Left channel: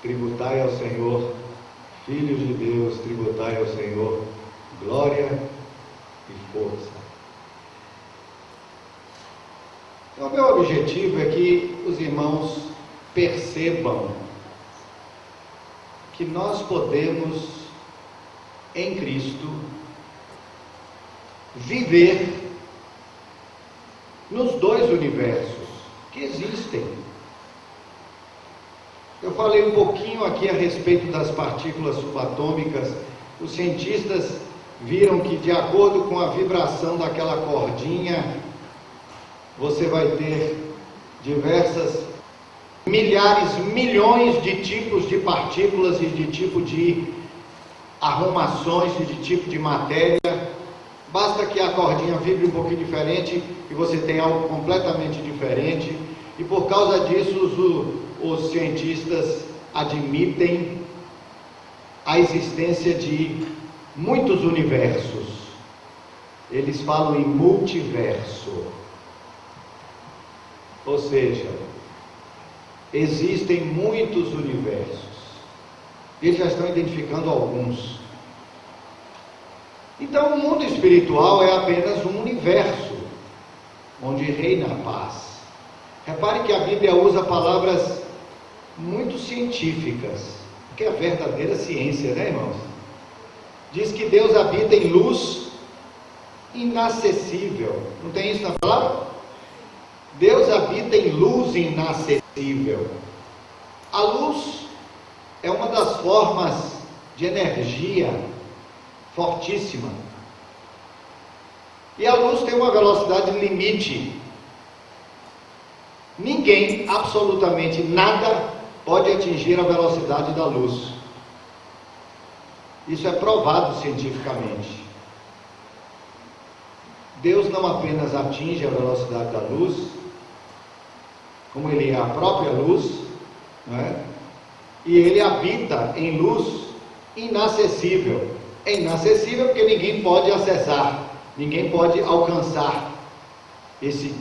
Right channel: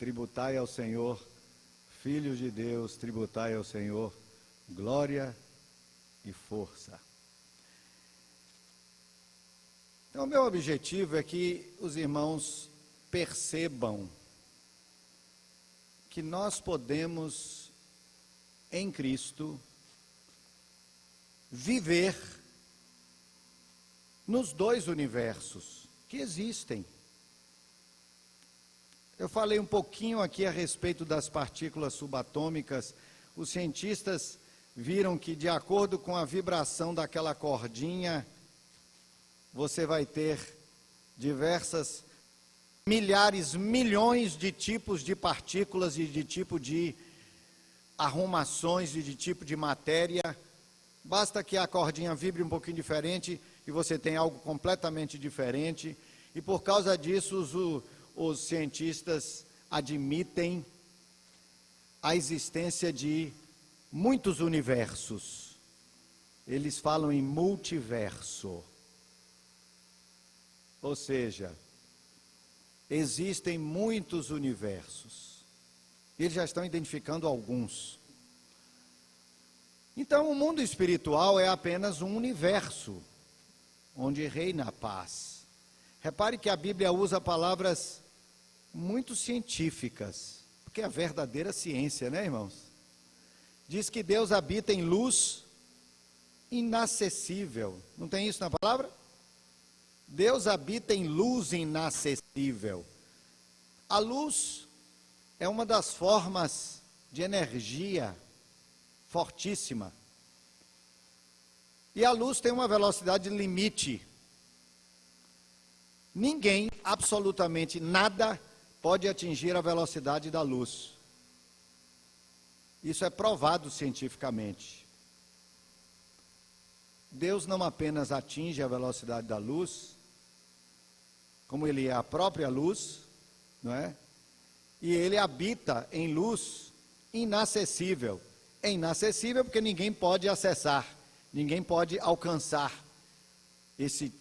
tributai ao Senhor, filhos de Deus, tributai ao Senhor, glória e força. Então, meu objetivo é que os irmãos percebam que nós podemos, em Cristo, viver nos dois universos que existem. Eu falei um pouquinho aqui a respeito das partículas subatômicas. Os cientistas viram que, de acordo com a vibração daquela cordinha, você vai ter diversas milhares, milhões de tipos de partículas e de tipo de arrumações e de tipo de matéria. Basta que a cordinha vibre um pouquinho diferente e você tem algo completamente diferente. E por causa disso, os cientistas admitem a existência de muitos universos. Eles falam em multiverso. Ou seja, existem muitos universos. Eles já estão identificando alguns. Então, o mundo espiritual é apenas um universo onde reina a paz. Repare que a Bíblia usa palavras muito científicas, que é a verdadeira ciência, né, irmãos? Diz que Deus habita em luz inacessível. Não tem isso na palavra? Deus habita em luz inacessível. A luz é uma das formas de energia fortíssima. E a luz tem uma velocidade limite. Ninguém, absolutamente nada, pode atingir a velocidade da luz. Isso é provado cientificamente. Deus não apenas atinge a velocidade da luz, como Ele é a própria luz, né? E Ele habita em luz inacessível. É inacessível porque ninguém pode acessar, ninguém pode alcançar esse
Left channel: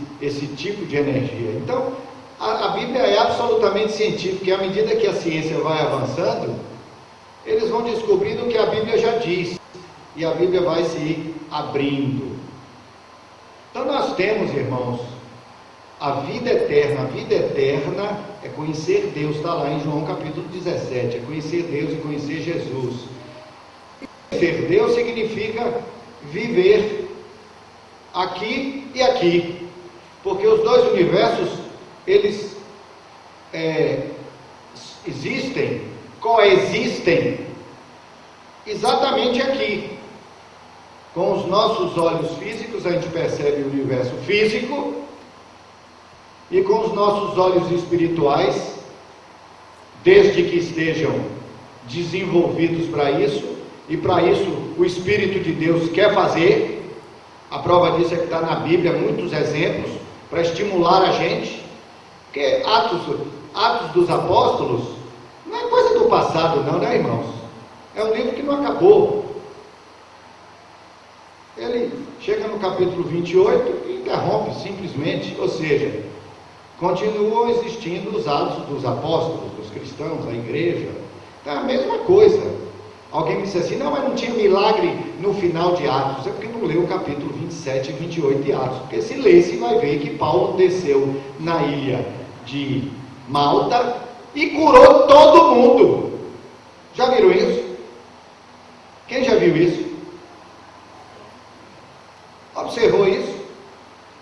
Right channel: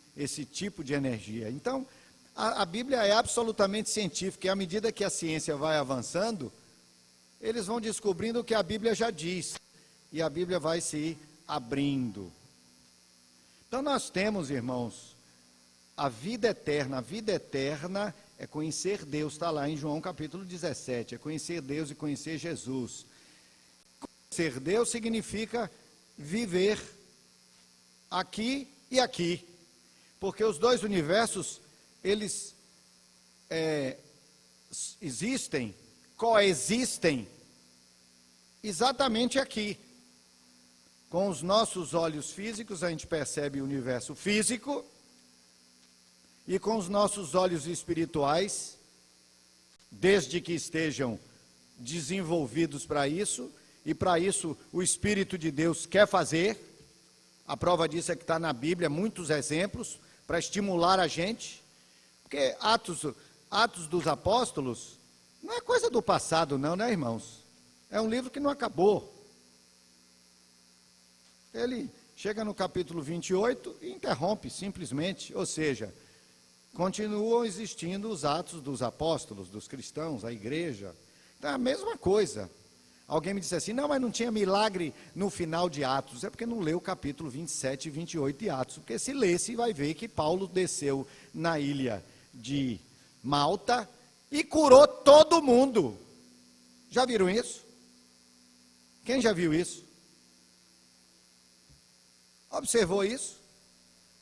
tipo de energia. Então, a Bíblia é absolutamente científica, e à medida que a ciência vai avançando, eles vão descobrindo o que a Bíblia já diz, e a Bíblia vai se abrindo. Então nós temos, irmãos, a vida eterna. A vida eterna é conhecer Deus, está lá em João capítulo 17, é conhecer Deus e conhecer Jesus. Conhecer Deus significa viver aqui e aqui, porque os dois universos, eles coexistem exatamente aqui. Com os nossos olhos físicos a gente percebe o universo físico, e com os nossos olhos espirituais, desde que estejam desenvolvidos para isso, e para isso o Espírito de Deus quer fazer. A prova disso é que está na Bíblia muitos exemplos para estimular a gente, porque Atos dos Apóstolos não é coisa do passado não, né, irmãos? É um livro que não acabou. Ele chega no capítulo 28 e interrompe simplesmente, ou seja, continuam existindo os Atos dos Apóstolos, dos cristãos, a igreja, é a mesma coisa. Alguém me disse assim, não, mas não tinha milagre no final de Atos. É porque não leu o capítulo 27 e 28 de Atos. Porque se ler, você vai ver que Paulo desceu na ilha de Malta e curou todo mundo. Já viram isso? Quem já viu isso? Observou isso?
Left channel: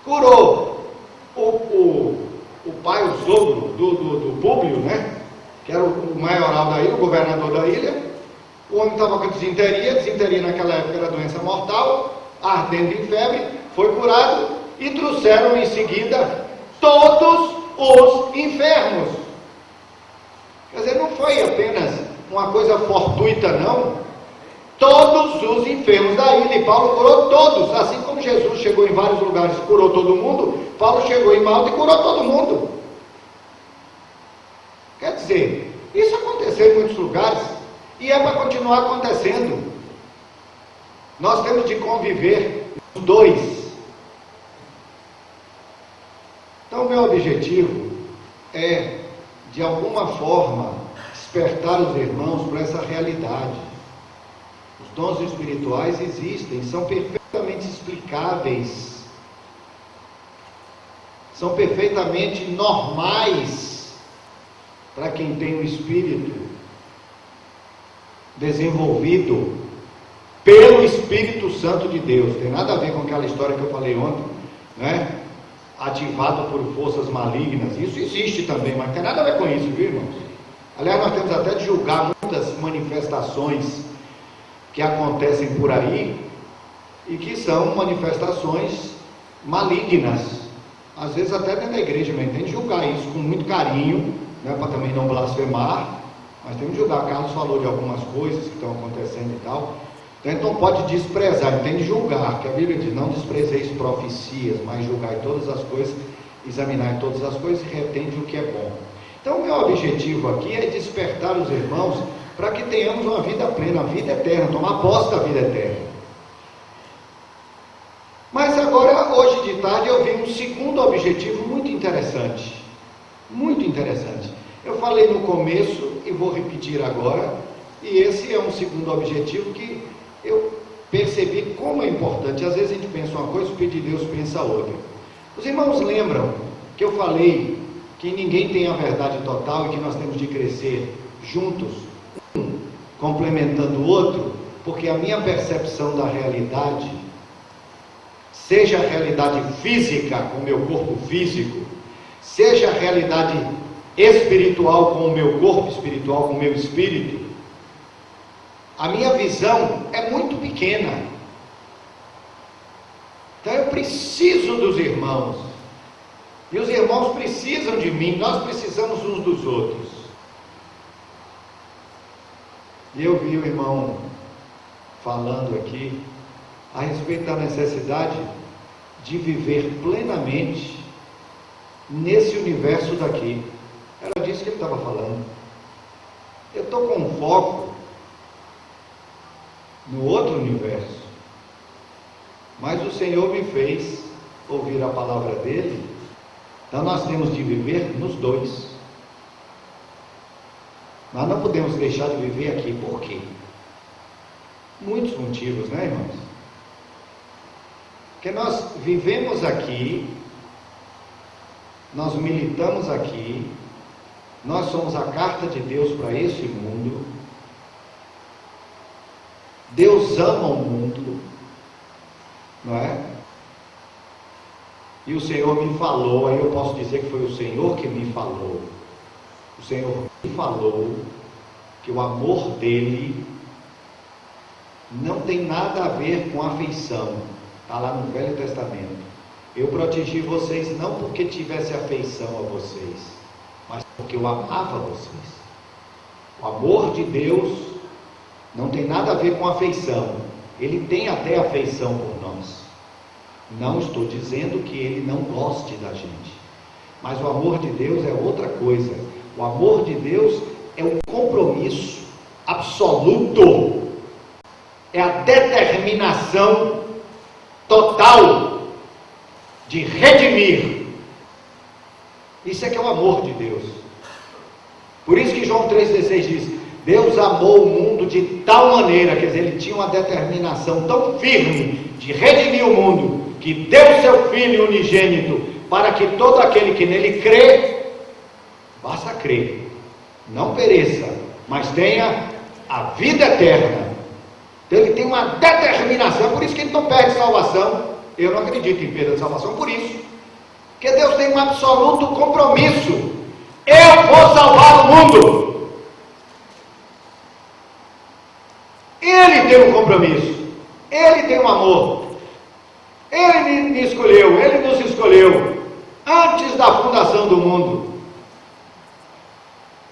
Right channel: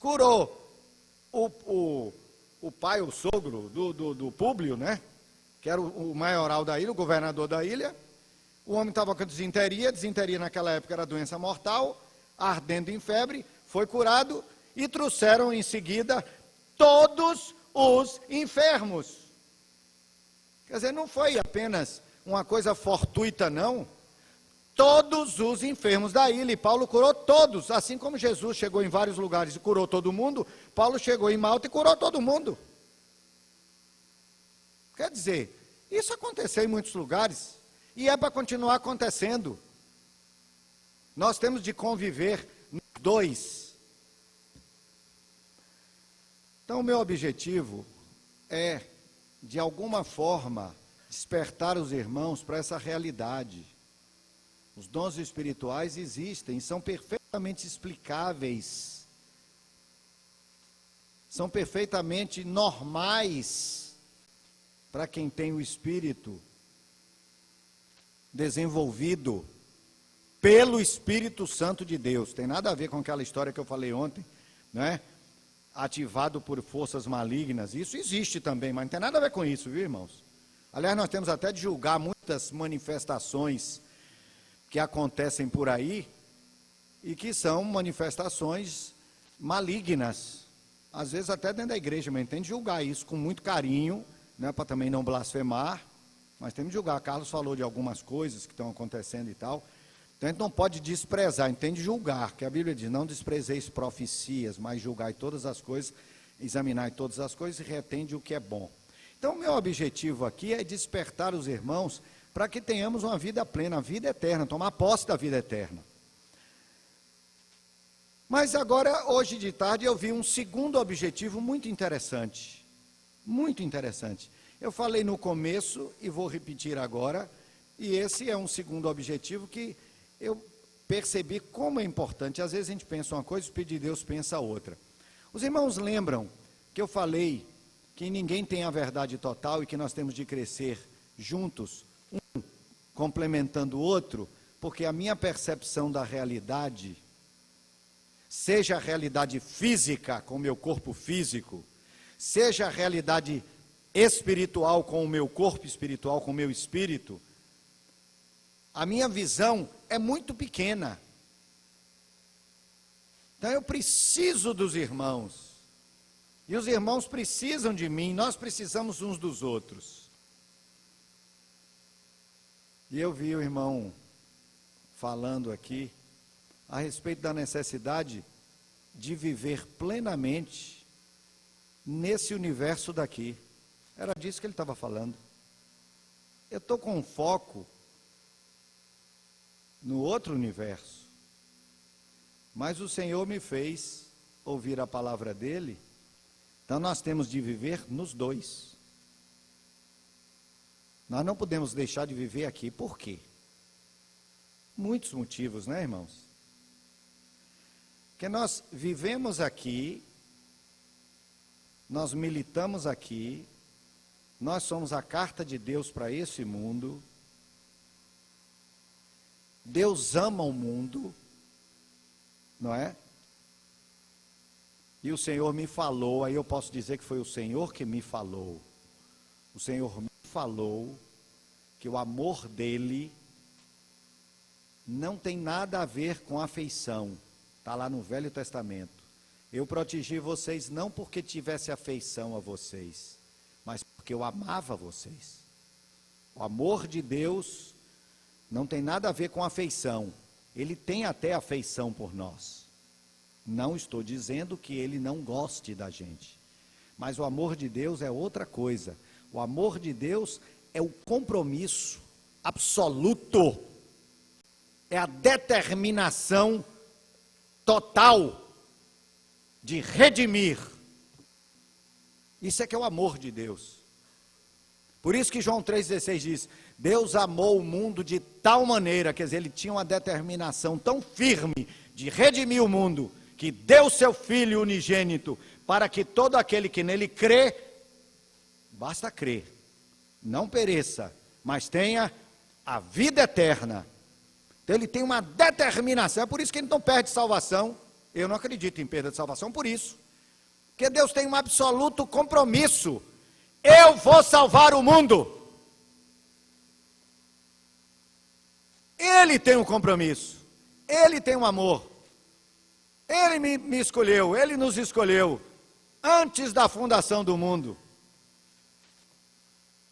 Curou o pai, o sogro do Públio, né? Que era o maioral da ilha, o governador da ilha. O homem estava com desinteria naquela época era doença mortal, ardendo em febre, foi curado e trouxeram em seguida todos os enfermos. Quer dizer, não foi apenas uma coisa fortuita, não. Todos os enfermos da ilha, e Paulo curou todos, assim como Jesus chegou em vários lugares e curou todo mundo, Paulo chegou em Malta e curou todo mundo. Quer dizer, isso aconteceu em muitos lugares. E é para continuar acontecendo. Nós temos de conviver os dois. Então, meu objetivo é, de alguma forma, despertar os irmãos para essa realidade. Os dons espirituais existem, são perfeitamente explicáveis, são perfeitamente normais para quem tem o Espírito desenvolvido pelo Espírito Santo de Deus. Não tem nada a ver com aquela história que eu falei ontem, né? Ativado por forças malignas. Isso existe também, mas não tem nada a ver com isso, viu, irmãos? Aliás, nós temos até de julgar muitas manifestações que acontecem por aí e que são manifestações malignas. Às vezes até dentro da igreja mesmo. Tem de julgar isso com muito carinho, né, para também não blasfemar, mas tem de julgar. Carlos falou de algumas coisas que estão acontecendo e tal. Então pode desprezar, tem de julgar, que a Bíblia diz, não desprezeis profecias, mas julgai todas as coisas, examinai todas as coisas e retende o que é bom. Então o meu objetivo aqui é despertar os irmãos para que tenhamos uma vida plena, uma vida eterna, tomar posse da vida eterna. Mas agora, hoje de tarde, eu vi um segundo objetivo muito interessante. Muito interessante. Eu falei no começo e vou repetir agora, e esse é um segundo objetivo que eu percebi como é importante. Às vezes a gente pensa uma coisa, o Espírito de Deus pensa outra. Os irmãos lembram que eu falei que ninguém tem a verdade total e que nós temos de crescer juntos, um complementando o outro, porque a minha percepção da realidade, seja a realidade física com o meu corpo físico, seja a realidade espiritual com o meu corpo espiritual, com o meu espírito, a minha visão é muito pequena. Então eu preciso dos irmãos. E os irmãos precisam de mim, nós precisamos uns dos outros. E eu vi o irmão falando aqui a respeito da necessidade de viver plenamente nesse universo daqui. Era disso que ele estava falando. Eu estou com um foco no outro universo, mas o Senhor me fez ouvir a palavra dele. Então nós temos de viver nos dois. Nós não podemos deixar de viver aqui. Por quê? Muitos motivos, né, irmãos? Porque nós vivemos aqui, nós militamos aqui, nós somos a carta de Deus para esse mundo. Deus ama o mundo, não é? E o Senhor me falou, aí eu posso dizer que foi o Senhor que me falou. O Senhor me falou que o amor dele não tem nada a ver com afeição. Está lá no Velho Testamento. Eu protegi vocês não porque tivesse afeição a vocês, mas porque eu amava vocês. O amor de Deus não tem nada a ver com afeição. Ele tem até afeição por nós. Não estou dizendo que ele não goste da gente. Mas o amor de Deus é outra coisa. O amor de Deus é um compromisso absoluto. É a determinação total de redimir. Isso é que é o amor de Deus. Por isso que João 3,16 diz: Deus amou o mundo de tal maneira, quer dizer, ele tinha uma determinação tão firme de redimir o mundo, que deu seu Filho unigênito, para que todo aquele que nele crê, basta crer, não pereça, mas tenha a vida eterna. Então ele tem uma determinação, por isso que ele não perde salvação. Eu não acredito em perda de salvação por isso, porque Deus tem um absoluto compromisso. Eu vou salvar o mundo. Ele tem um compromisso, ele tem um amor, ele me escolheu, ele nos escolheu antes da fundação do mundo.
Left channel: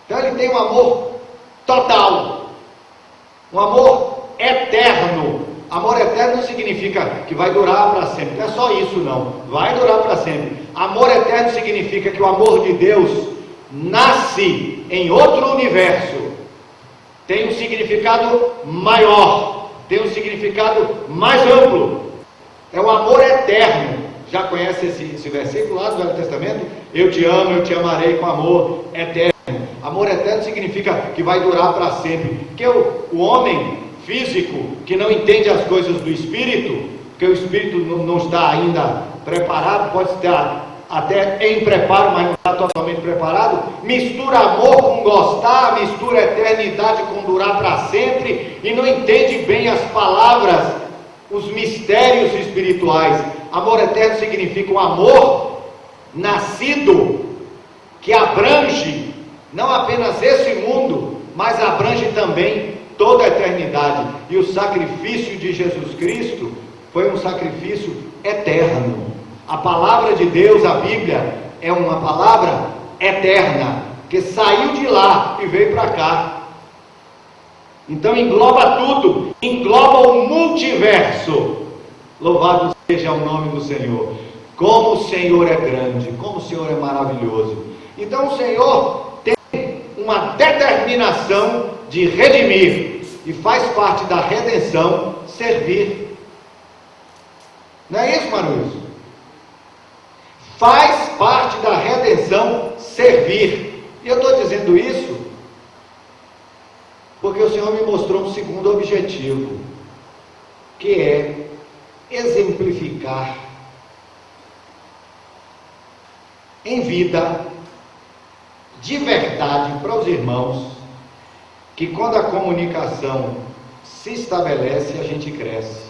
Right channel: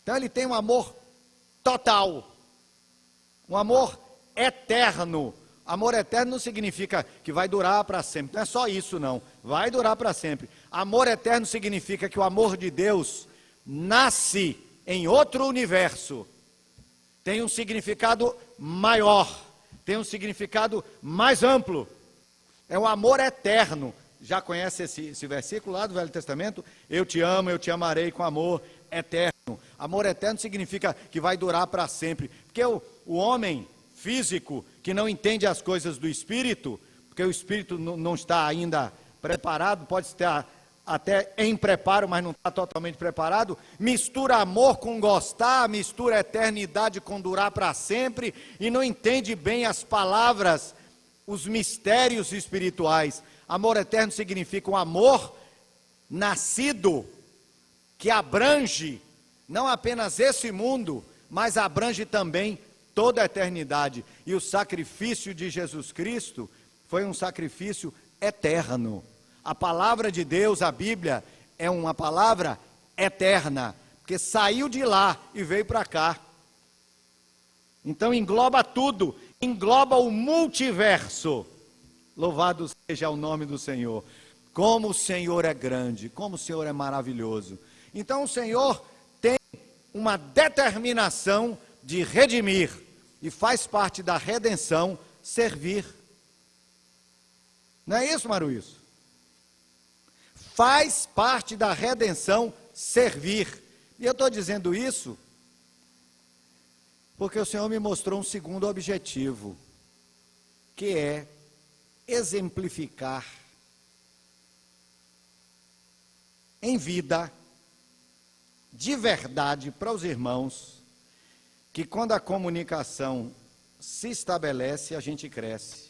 Então ele tem um amor total, um amor eterno. Amor eterno significa que vai durar para sempre. Não é só isso não, vai durar para sempre. Amor eterno significa que o amor de Deus nasce em outro universo. Tem um significado maior, tem um significado mais amplo. É o amor eterno. Já conhece esse versículo lá do Velho Testamento? Eu te amo, eu te amarei com amor eterno. Amor eterno significa que vai durar para sempre. Porque o homem físico que não entende as coisas do Espírito, porque o Espírito não está ainda preparado, pode estar até em preparo, mas não está totalmente preparado, mistura amor com gostar, mistura eternidade com durar para sempre, e não entende bem as palavras, os mistérios espirituais. Amor eterno significa um amor nascido, que abrange não apenas esse mundo, mas abrange também toda a eternidade. E o sacrifício de Jesus Cristo foi um sacrifício eterno. A palavra de Deus, a Bíblia, é uma palavra eterna, que saiu de lá e veio para cá. Então engloba tudo, engloba o multiverso. Louvado seja o nome do Senhor. Como o Senhor é grande, como o Senhor é maravilhoso. Então o Senhor tem uma determinação de redimir, e faz parte da redenção servir. Não é isso, Maruíso? Faz parte da redenção servir. E eu estou dizendo isso porque o Senhor me mostrou um segundo objetivo, que é exemplificar em vida, de verdade, para os irmãos, que quando a comunicação se estabelece, a gente cresce.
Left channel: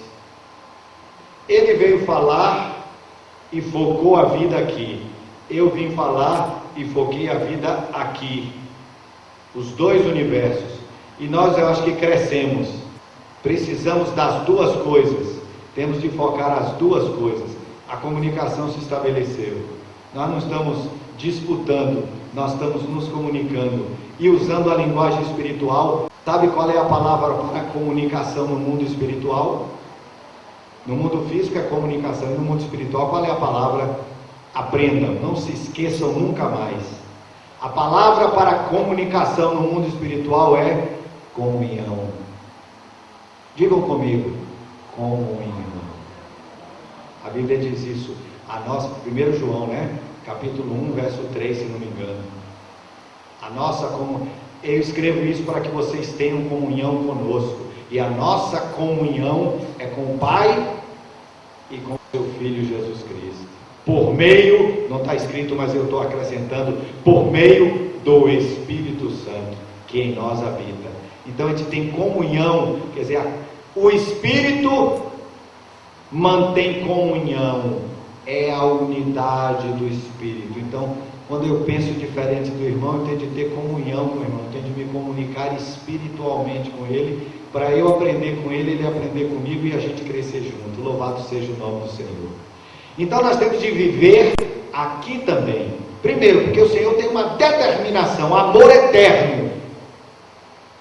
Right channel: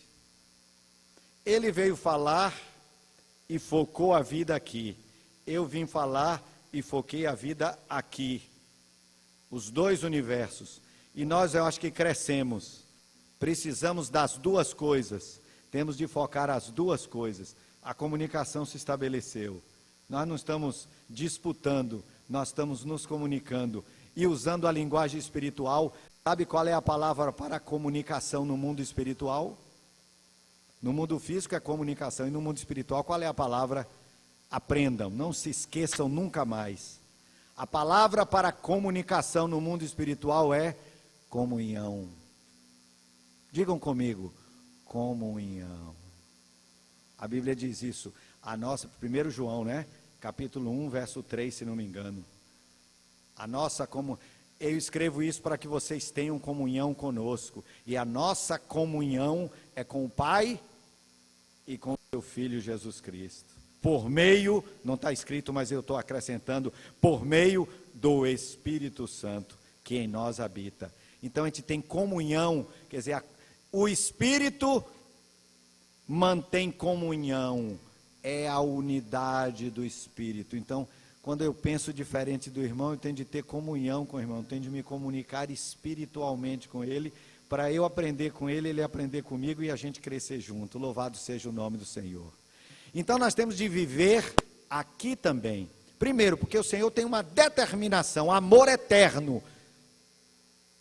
Ele veio falar e focou a vida aqui. Eu vim falar e foquei a vida aqui. Os dois universos. E nós, eu acho que crescemos. Precisamos das duas coisas. Temos de focar as duas coisas. A comunicação se estabeleceu. Nós não estamos disputando, nós estamos nos comunicando. E usando a linguagem espiritual, sabe qual é a palavra para a comunicação no mundo espiritual? No mundo físico é comunicação, e no mundo espiritual qual é a palavra? Aprendam, não se esqueçam nunca mais. A palavra para a comunicação no mundo espiritual é comunhão. Digam comigo, comunhão. A Bíblia diz isso, a nossa, 1 João, capítulo 1, verso 3, se não me engano. A nossa comunhão, eu escrevo isso para que vocês tenham comunhão conosco. E a nossa comunhão é com o Pai e com o seu Filho Jesus Cristo. Por meio, não está escrito, mas eu estou acrescentando, por meio do Espírito Santo, que em nós habita. Então a gente tem comunhão, quer dizer, o Espírito mantém comunhão, é a unidade do Espírito. Então, quando eu penso diferente do irmão, eu tenho de ter comunhão com o irmão, eu tenho de me comunicar espiritualmente com ele, para eu aprender com ele, ele aprender comigo e a gente crescer junto. Louvado seja o nome do Senhor. Então nós temos de viver aqui também. Primeiro, porque o Senhor tem uma determinação, amor eterno,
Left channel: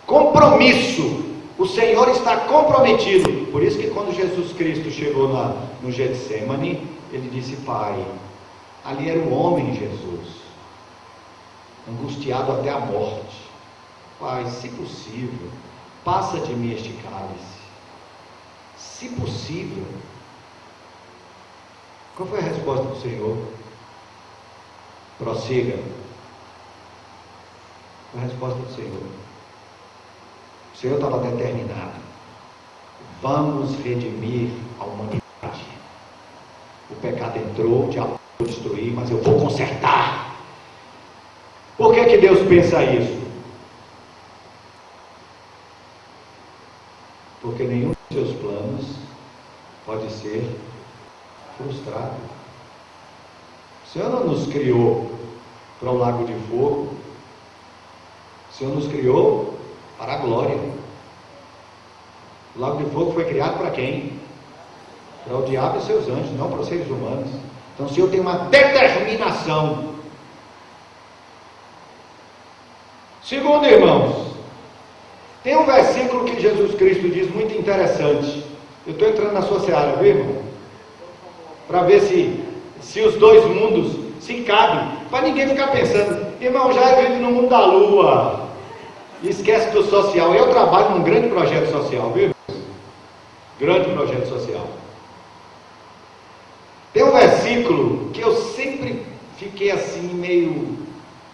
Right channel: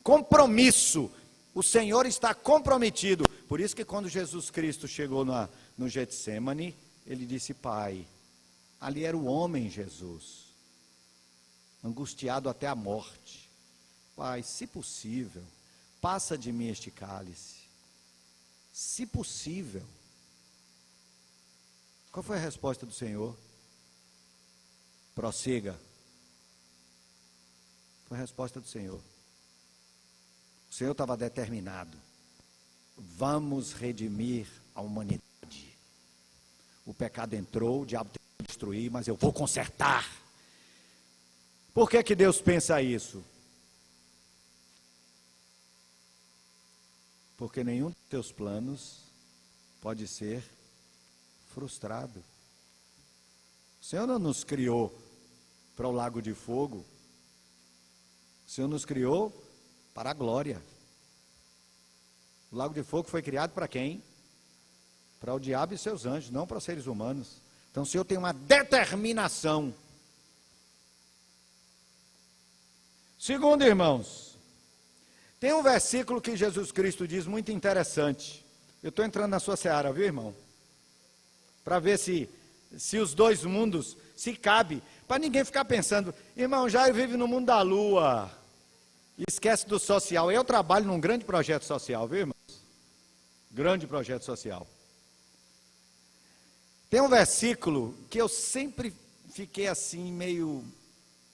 compromisso. O Senhor está comprometido. Por isso que quando Jesus Cristo chegou lá no Getsemane, ele disse: Pai, ali era o homem Jesus, angustiado até a morte. Pai, se possível, passa de mim este cálice. Se possível. Qual foi a resposta do Senhor? Prossiga. Foi a resposta do Senhor. O Senhor estava determinado. Vamos redimir a humanidade. O pecado entrou, já vou destruir, mas eu vou consertar. Por que Deus pensa isso? Porque nenhum dos seus planos pode ser frustrado. O Senhor não nos criou para o lago de fogo. O Senhor nos criou para a glória. O lago de fogo foi criado para quem? Para o diabo e seus anjos, não para os seres humanos. Então o Senhor tem uma determinação. Segundo, irmãos, tem um versículo que Jesus Cristo diz muito interessante. Eu estou entrando na sua seara, viu, irmão? Para ver se os dois mundos se cabem. Para ninguém ficar pensando, irmão, já vive no mundo da lua. Esquece do social. Eu trabalho num grande projeto social, viu? Grande projeto social. Tem um versículo que eu sempre fiquei assim, meio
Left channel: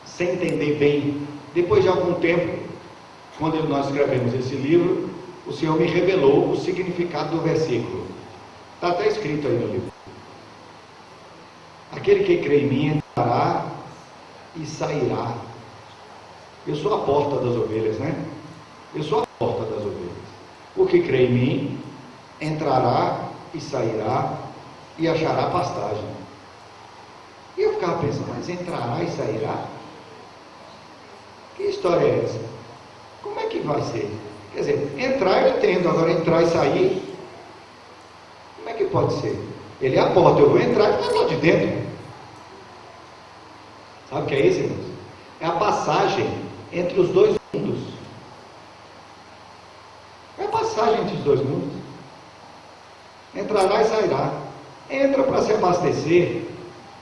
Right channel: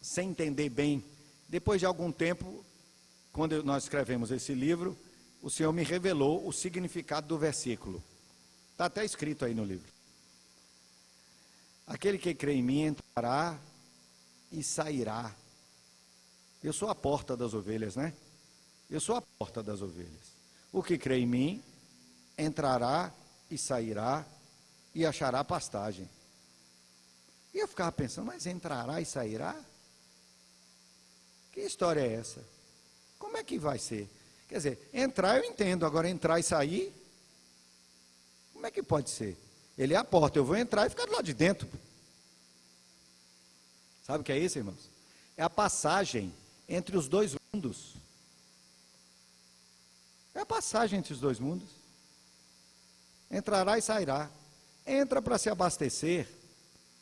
sem entender bem. depois de algum tempo, quando nós escrevemos esse livro, o Senhor me revelou o significado do versículo. Está até escrito aí no livro. Aquele que crê em mim entrará e sairá. Eu sou a porta das ovelhas, né? Eu sou a porta das ovelhas. O que crê em mim entrará e sairá e achará pastagem. E eu ficava pensando, mas entrará e sairá? Que história é essa? Como é que vai ser? Quer dizer, entrar eu entendo, agora entrar e sair, como é que pode ser? Ele é a porta, eu vou entrar e ficar lá de dentro. Sabe o que é isso, irmãos? É a passagem entre os dois mundos. É a passagem entre os dois mundos. Entrará e sairá. Entra para se abastecer.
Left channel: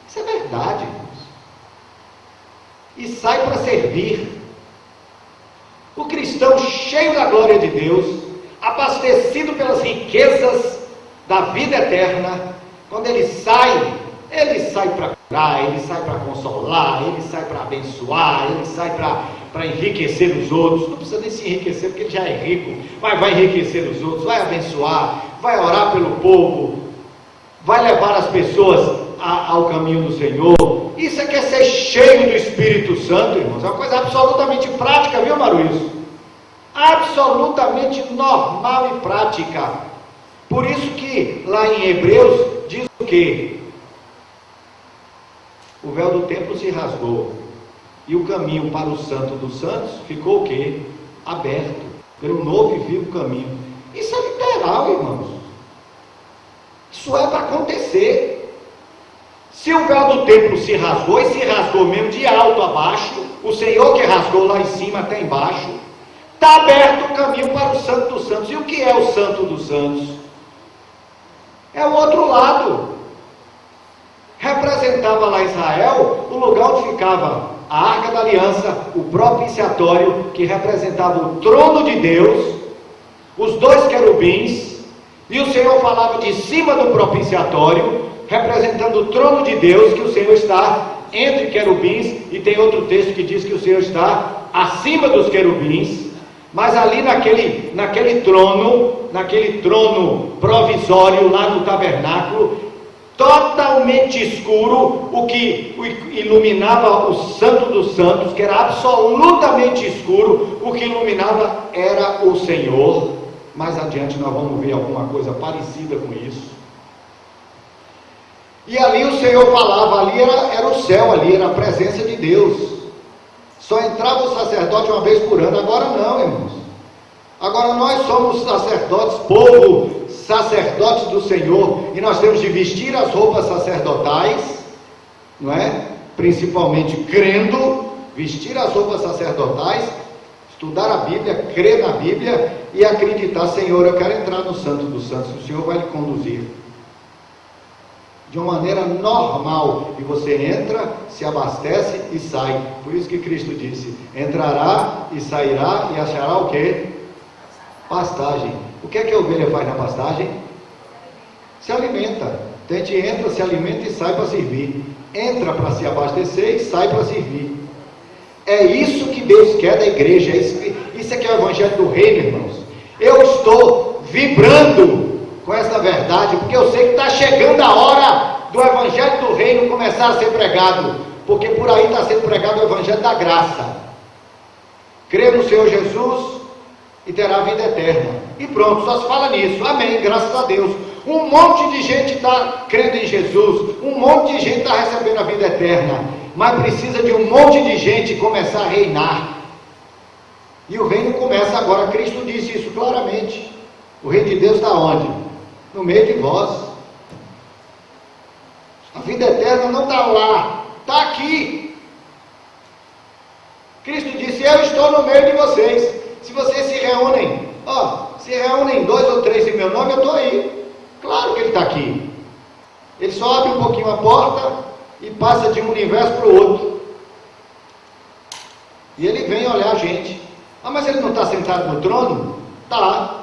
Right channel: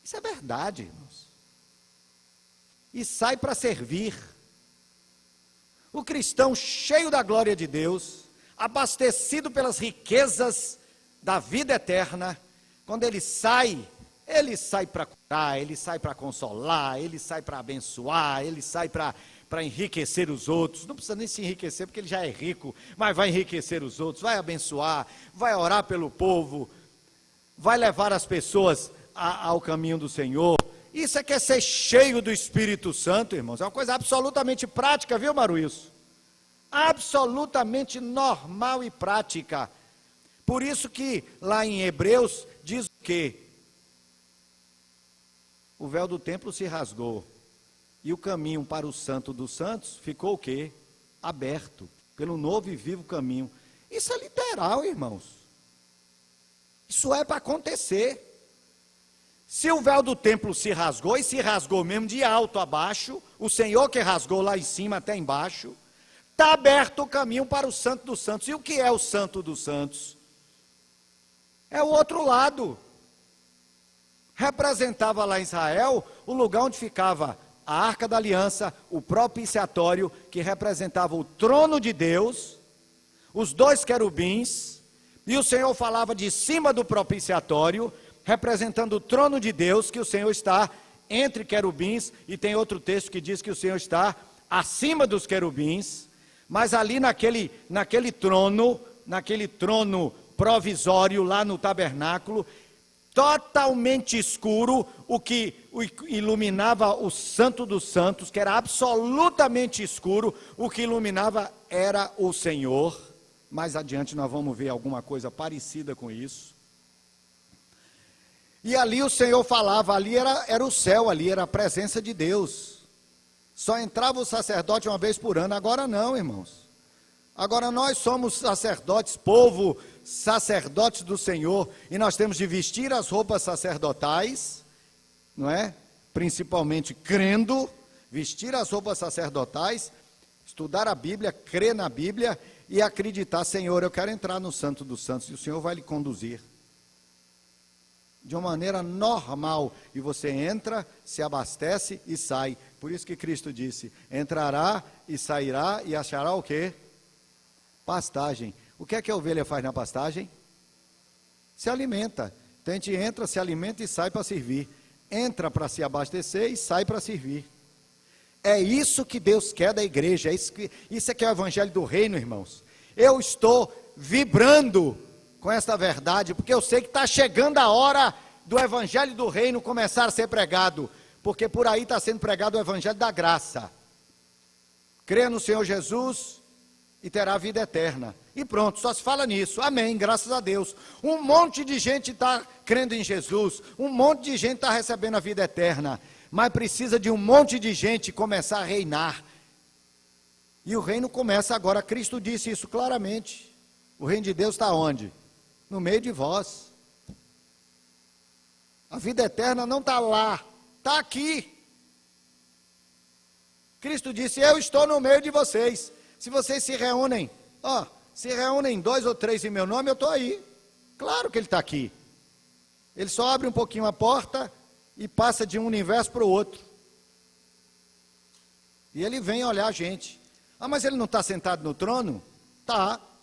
Isso é verdade, irmãos. E sai para servir. O cristão cheio da glória de Deus, abastecido pelas riquezas da vida eterna, quando ele sai para curar, ele sai para consolar, ele sai para abençoar, ele sai para enriquecer os outros. Não precisa nem se enriquecer, porque ele já é rico, mas vai enriquecer os outros, vai abençoar, vai orar pelo povo, vai levar as pessoas ao caminho do Senhor. Isso é que é ser cheio do Espírito Santo, irmãos. É uma coisa absolutamente prática, viu, Maruíso? Absolutamente normal e prática. Por isso que lá em Hebreus diz o quê? O véu do templo se rasgou e o caminho para o Santo dos Santos ficou o quê? Aberto pelo novo e vivo caminho. Isso é literal, irmãos. Isso é para acontecer. Se o véu do templo se rasgou, e se rasgou mesmo de alto a baixo, o Senhor que rasgou lá em cima até embaixo, está aberto o caminho para o Santo dos Santos. E o que é o Santo dos Santos? É o outro lado. Representava lá Israel o lugar onde ficava a Arca da Aliança, o propiciatório, que representava o trono de Deus, os dois querubins, e o Senhor falava de cima do propiciatório, representando o trono de Deus, que o Senhor está entre querubins, e tem outro texto que diz que o Senhor está acima dos querubins, mas ali naquele trono provisório lá no tabernáculo, totalmente escuro, o que iluminava o Santo dos Santos, que era absolutamente escuro, o que iluminava era o Senhor. Mais adiante nós vamos ver alguma coisa parecida com isso. E ali o Senhor falava, ali era o céu, ali era a presença de Deus. Só entrava o sacerdote uma vez por ano, agora não, irmãos. Agora nós somos sacerdotes, povo, sacerdotes do Senhor, e nós temos de vestir as roupas sacerdotais, não é? Principalmente crendo, vestir as roupas sacerdotais, estudar a Bíblia, crer na Bíblia e acreditar, Senhor, eu quero entrar no Santo dos Santos, o Senhor vai lhe conduzir. De uma maneira normal, e você entra, se abastece e sai. Por isso que Cristo disse, entrará e sairá e achará o quê? Pastagem. O que é que a ovelha faz na pastagem? Se alimenta. A gente entra, se alimenta e sai para servir. Entra para se abastecer e sai para servir. É isso que Deus quer da igreja. Isso é que é o evangelho do reino, irmãos. Eu estou vibrando com essa verdade, porque eu sei que está chegando a hora do evangelho do reino começar a ser pregado, porque por aí está sendo pregado o evangelho da graça. Crê no Senhor Jesus e terá vida eterna. E pronto, só se fala nisso. Amém, graças a Deus. Um monte de gente está crendo em Jesus, um monte de gente está recebendo a vida eterna, mas precisa de um monte de gente começar a reinar. E o reino começa agora. Cristo disse isso claramente. O reino de Deus está onde? No meio de vós. A vida eterna não está lá, está aqui. Cristo disse, eu estou no meio de vocês. Se vocês se reúnem, se reúnem 2 ou 3 em meu nome, eu estou aí. Claro que ele está aqui. Ele só abre um pouquinho a porta e passa de um universo para o outro. E ele vem olhar a gente. Mas ele não está sentado no trono? Está.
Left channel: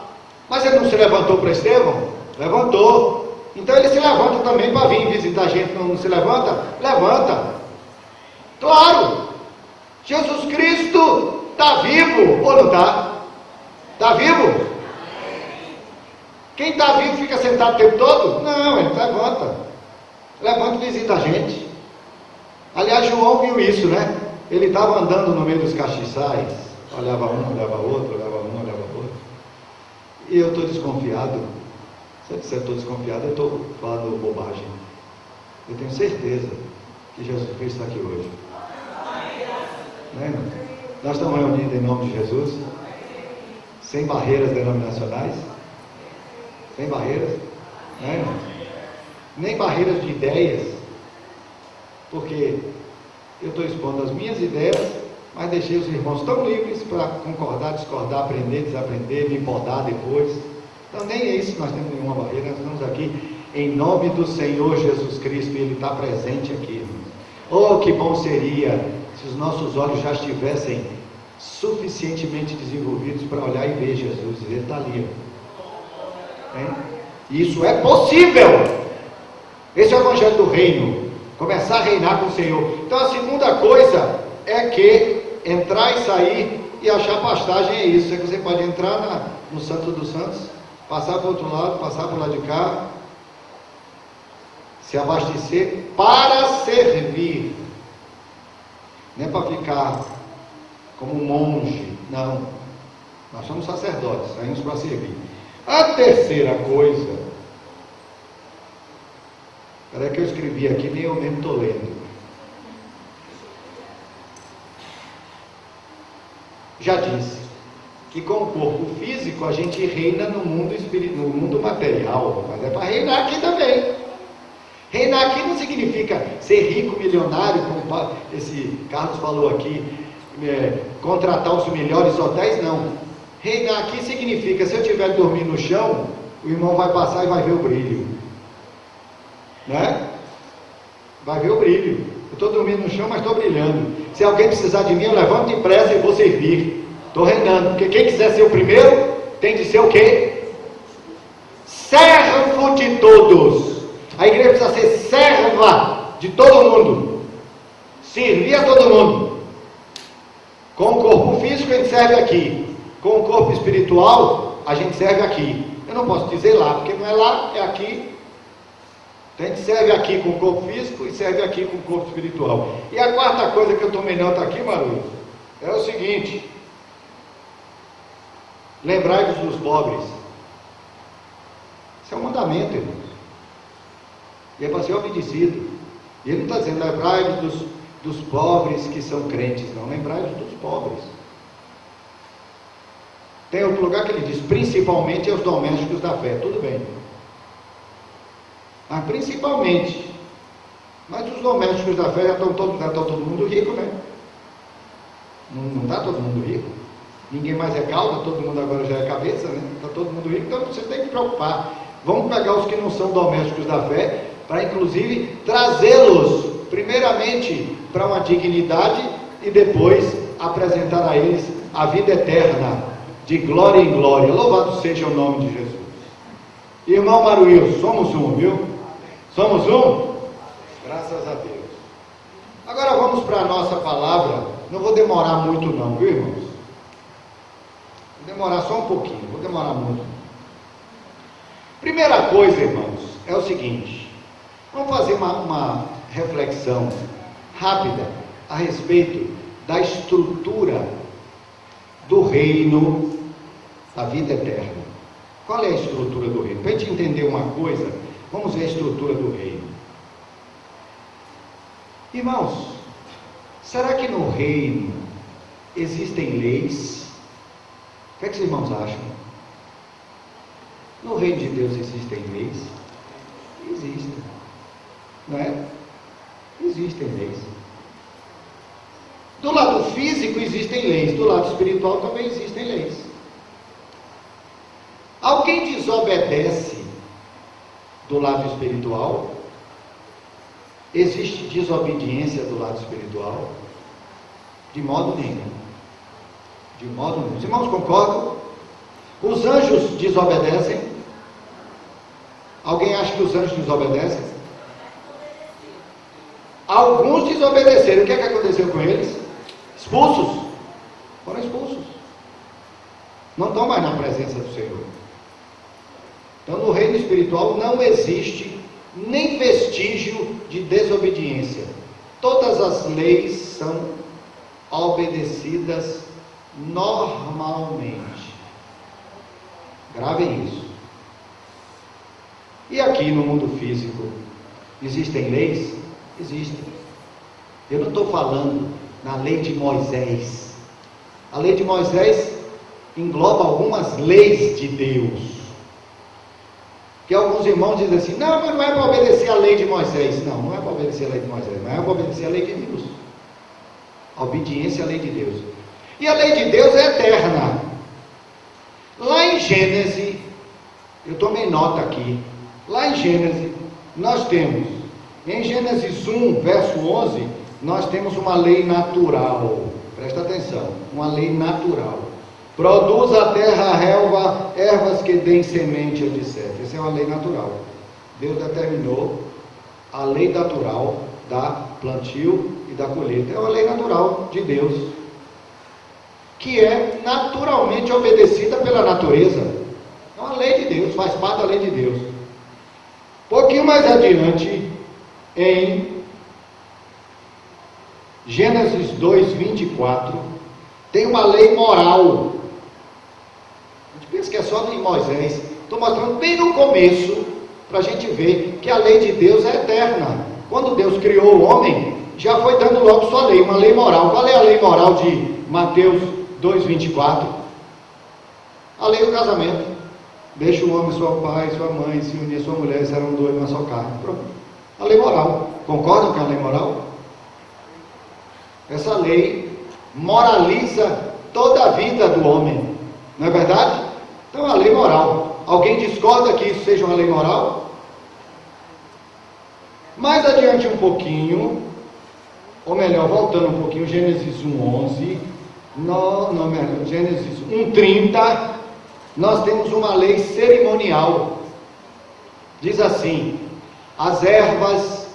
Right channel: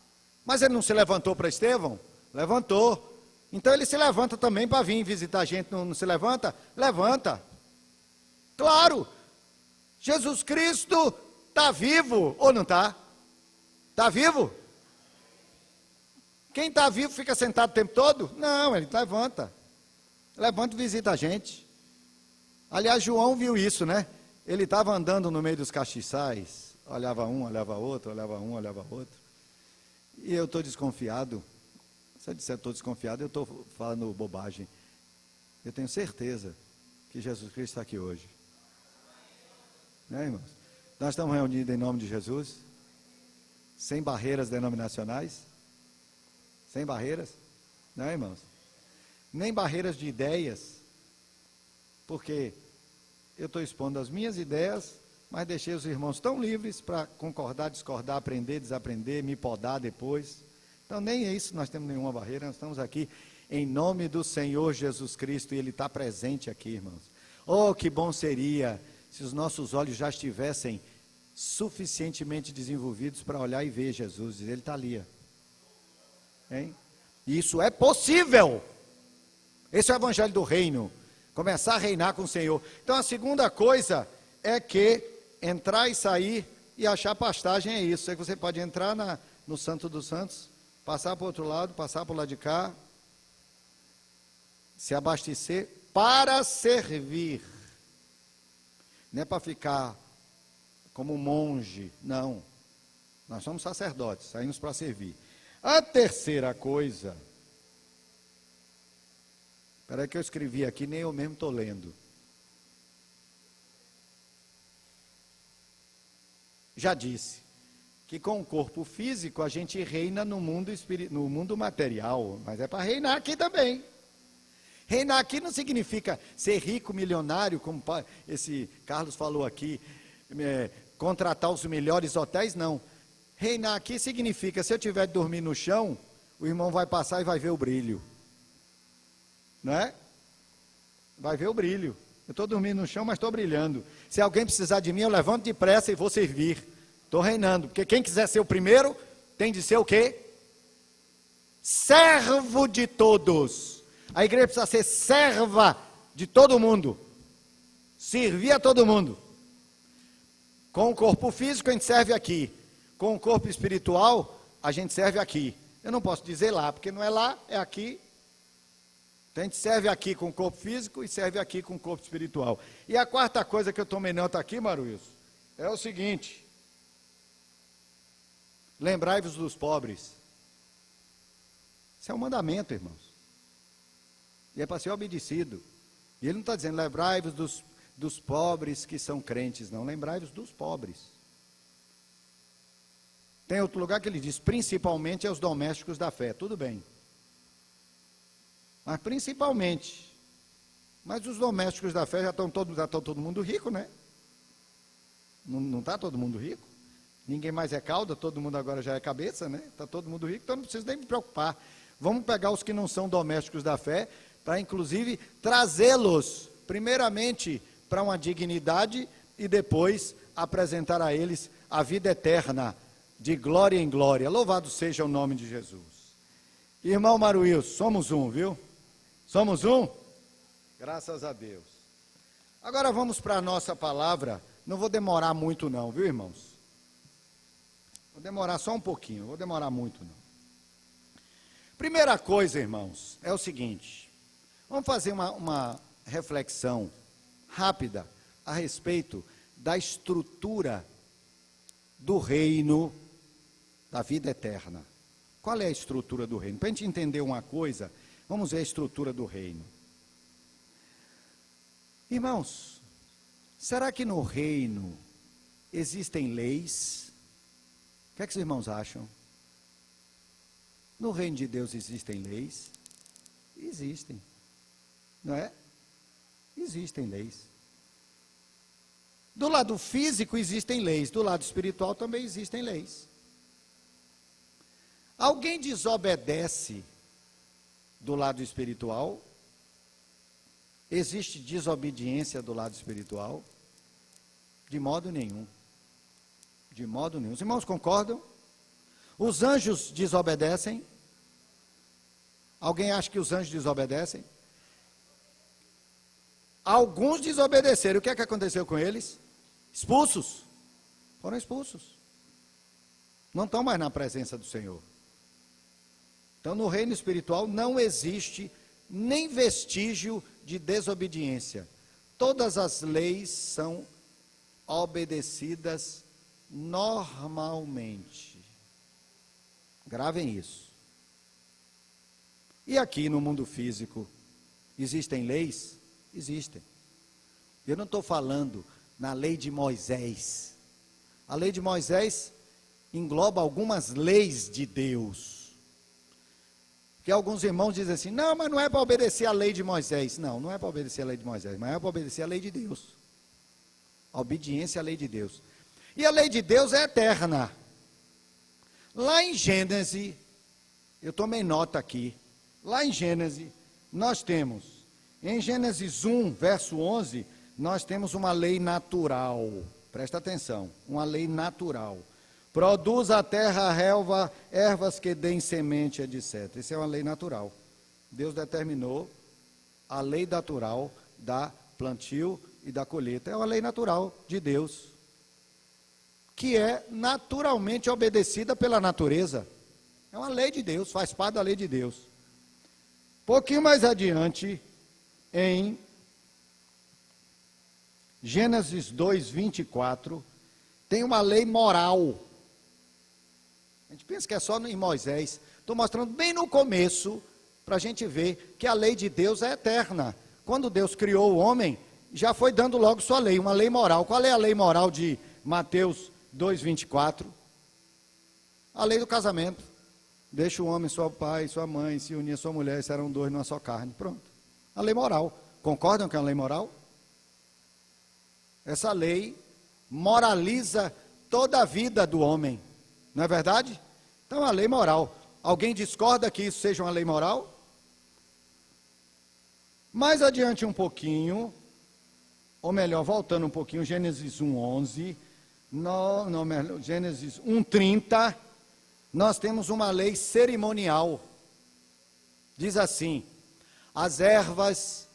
Mas ele não se levantou para Estevão? Levantou. Então ele se levanta também para vir visitar a gente. Não se levanta? Levanta. Claro. Jesus Cristo está vivo ou não está? Está vivo? Quem está vivo fica sentado o tempo todo? Não, ele levanta. Levanta e visita a gente. Aliás, João viu isso, né? Ele estava andando no meio dos castiçais, olhava um, olhava outro, olhava um, olhava outro. E eu estou desconfiado. Se eu disser estou desconfiado, eu estou falando bobagem. Eu tenho certeza que Jesus Cristo está aqui hoje. Não é, irmão? Nós estamos reunidos em nome de Jesus, sem barreiras denominacionais, sem barreiras, não é, irmão? Nem barreiras de ideias, porque eu estou expondo as minhas ideias, mas deixei os irmãos tão livres para concordar, discordar, aprender, desaprender, me podar depois. Então nem é isso que nós temos nenhuma barreira, nós estamos aqui em nome do Senhor Jesus Cristo e Ele está presente aqui. Oh, que bom seria se os nossos olhos já estivessem suficientemente desenvolvidos para olhar e ver Jesus, e Ele está ali. Isso é possível. Esse é o Evangelho do Reino, começar a reinar com o Senhor. Então a segunda coisa é que entrar e sair e achar pastagem é isso, é que você pode entrar no Santo dos Santos, passar para o outro lado, passar para o lado de cá, se abastecer para servir, não é para ficar como um monge, não, nós somos sacerdotes, saímos para servir. A terceira coisa, era que eu escrevi aqui, nem eu mesmo estou lendo. Já disse que com o corpo físico a gente reina no mundo espiritual, no mundo material, mas é para reinar aqui também. Reinar aqui não significa ser rico, milionário, como esse Carlos falou aqui, contratar os melhores hotéis, não. Reinar aqui significa, se eu estiver dormindo no chão, o irmão vai passar e vai ver o brilho. Né? Vai ver o brilho. Eu estou dormindo no chão, mas estou brilhando. Se alguém precisar de mim, eu levanto depressa e vou servir. Estou reinando. Porque quem quiser ser o primeiro, tem de ser o quê? Servo de todos. A igreja precisa ser serva de todo mundo. Servir a todo mundo. Com o corpo físico a gente serve aqui. Com o corpo espiritual a gente serve aqui. Eu não posso dizer lá, porque não é lá, é aqui. A gente serve aqui com o corpo físico e serve aqui com o corpo espiritual. E a quarta coisa que eu tomei nota aqui, Maruso, é o seguinte: lembrai-vos dos pobres. Isso é um mandamento, irmãos. E é para ser obedecido. E ele não está dizendo, lembrai-vos dos pobres que são crentes, não, lembrai-vos dos pobres. Tem outro lugar que ele diz, principalmente aos domésticos da fé, tudo bem. Mas principalmente, mas os domésticos da fé já estão todo mundo rico, né? Não está todo mundo rico. Ninguém mais é cauda, todo mundo agora já é cabeça, né? Está todo mundo rico, então vocês têm que preocupar. Vamos pegar os que não são domésticos da fé, para inclusive trazê-los, primeiramente, para uma dignidade e depois apresentar a eles a vida eterna, de glória em glória. Louvado seja o nome de Jesus. Irmão Maruil, somos um, viu? Somos um? Graças a Deus. Agora vamos para a nossa palavra. Não vou demorar muito não, viu, irmãos? Vou demorar só um pouquinho, vou demorar muito. Primeira coisa, irmãos, é o seguinte. Vamos fazer uma reflexão rápida a respeito da estrutura do reino da vida eterna. Qual é a estrutura do reino? Para a gente entender uma coisa, vamos ver a estrutura do reino. Irmãos, será que no reino existem leis? O que os irmãos acham? No reino de Deus existem leis? Existem. Não é? Existem leis. Do lado físico existem leis, do lado espiritual também existem leis. Alguém desobedece do lado espiritual? Existe desobediência do lado espiritual? De modo nenhum. De modo nenhum. Os irmãos concordam? Os anjos desobedecem? Alguém acha que os anjos desobedecem? Alguns desobedeceram. O que é que aconteceu com eles? expulsos. Foram expulsos. Não estão mais na presença do Senhor. Então, no reino espiritual não existe nem vestígio de desobediência. Todas as leis são obedecidas normalmente. Gravem isso. E aqui no mundo físico, existem leis? Existem. Eu não estou falando na lei de Moisés. A lei de Moisés engloba algumas leis de Deus. E alguns irmãos dizem assim, não é para obedecer a lei de Moisés. Não, não é para obedecer a lei de Moisés, não é para obedecer a lei de Deus. A obediência à lei de Deus. E a lei de Deus é eterna. Lá em Gênesis, eu tomei nota aqui, lá em Gênesis, nós temos, em Gênesis 1, verso 11, nós temos uma lei natural. Presta atenção, uma lei natural. Produz a terra a relva, ervas que deem semente, etc. Essa é uma lei natural. Deus determinou a lei natural da plantio e da colheita. É uma lei natural de Deus, que é naturalmente obedecida pela natureza. É uma lei de Deus, faz parte da lei de Deus. Um pouquinho mais adiante, em Gênesis 2, 24, tem uma lei moral. A gente pensa que é só em Moisés. Estou mostrando bem no começo, para a gente ver que a lei de Deus é eterna. Quando Deus criou o homem, já foi dando logo sua lei, uma lei moral. Qual é a lei moral de Mateus 2, 24? A lei do casamento. Deixa o homem, seu pai, sua mãe, se unir sua mulher, serão dois na sua carne. Pronto. A lei moral. Concordam com a lei moral? Essa lei moraliza toda a vida do homem. Não é verdade? Então é uma lei moral. Alguém discorda que isso seja uma lei moral? Mais adiante um pouquinho, ou melhor, voltando um pouquinho, Gênesis 1:11, Gênesis 1:30, nós temos uma lei cerimonial. Diz assim: as ervas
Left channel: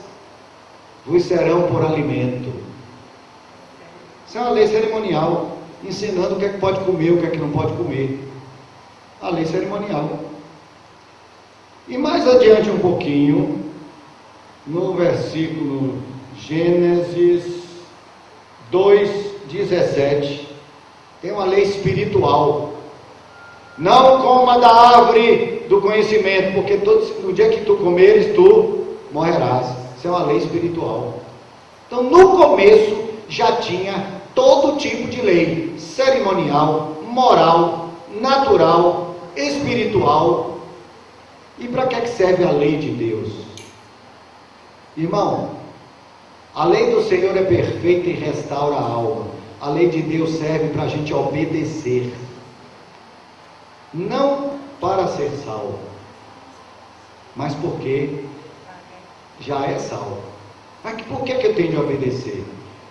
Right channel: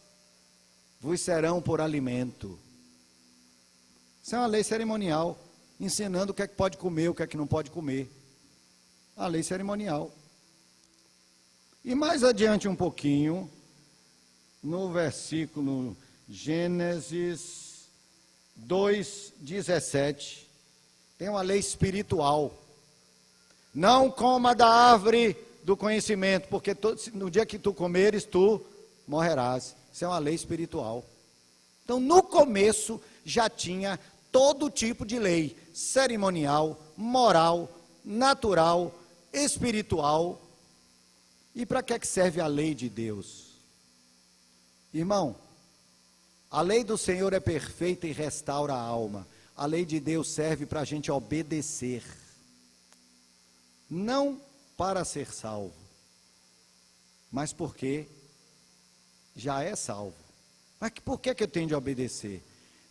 vos serão por alimento. Isso é uma lei cerimonial, ensinando o que é que pode comer, o que é que não pode comer. A lei cerimonial. E mais adiante um pouquinho, no versículo Gênesis 2:17, tem uma lei espiritual. Não coma da árvore do conhecimento, porque no dia que tu comeres, tu morrerás. Isso é uma lei espiritual. Então, no começo, já tinha todo tipo de lei, cerimonial, moral, natural, espiritual. E para que serve a lei de Deus? Irmão, a lei do Senhor é perfeita e restaura a alma. A lei de Deus serve para a gente obedecer, não para ser salvo, mas porque já é salvo. Mas por que eu tenho de obedecer?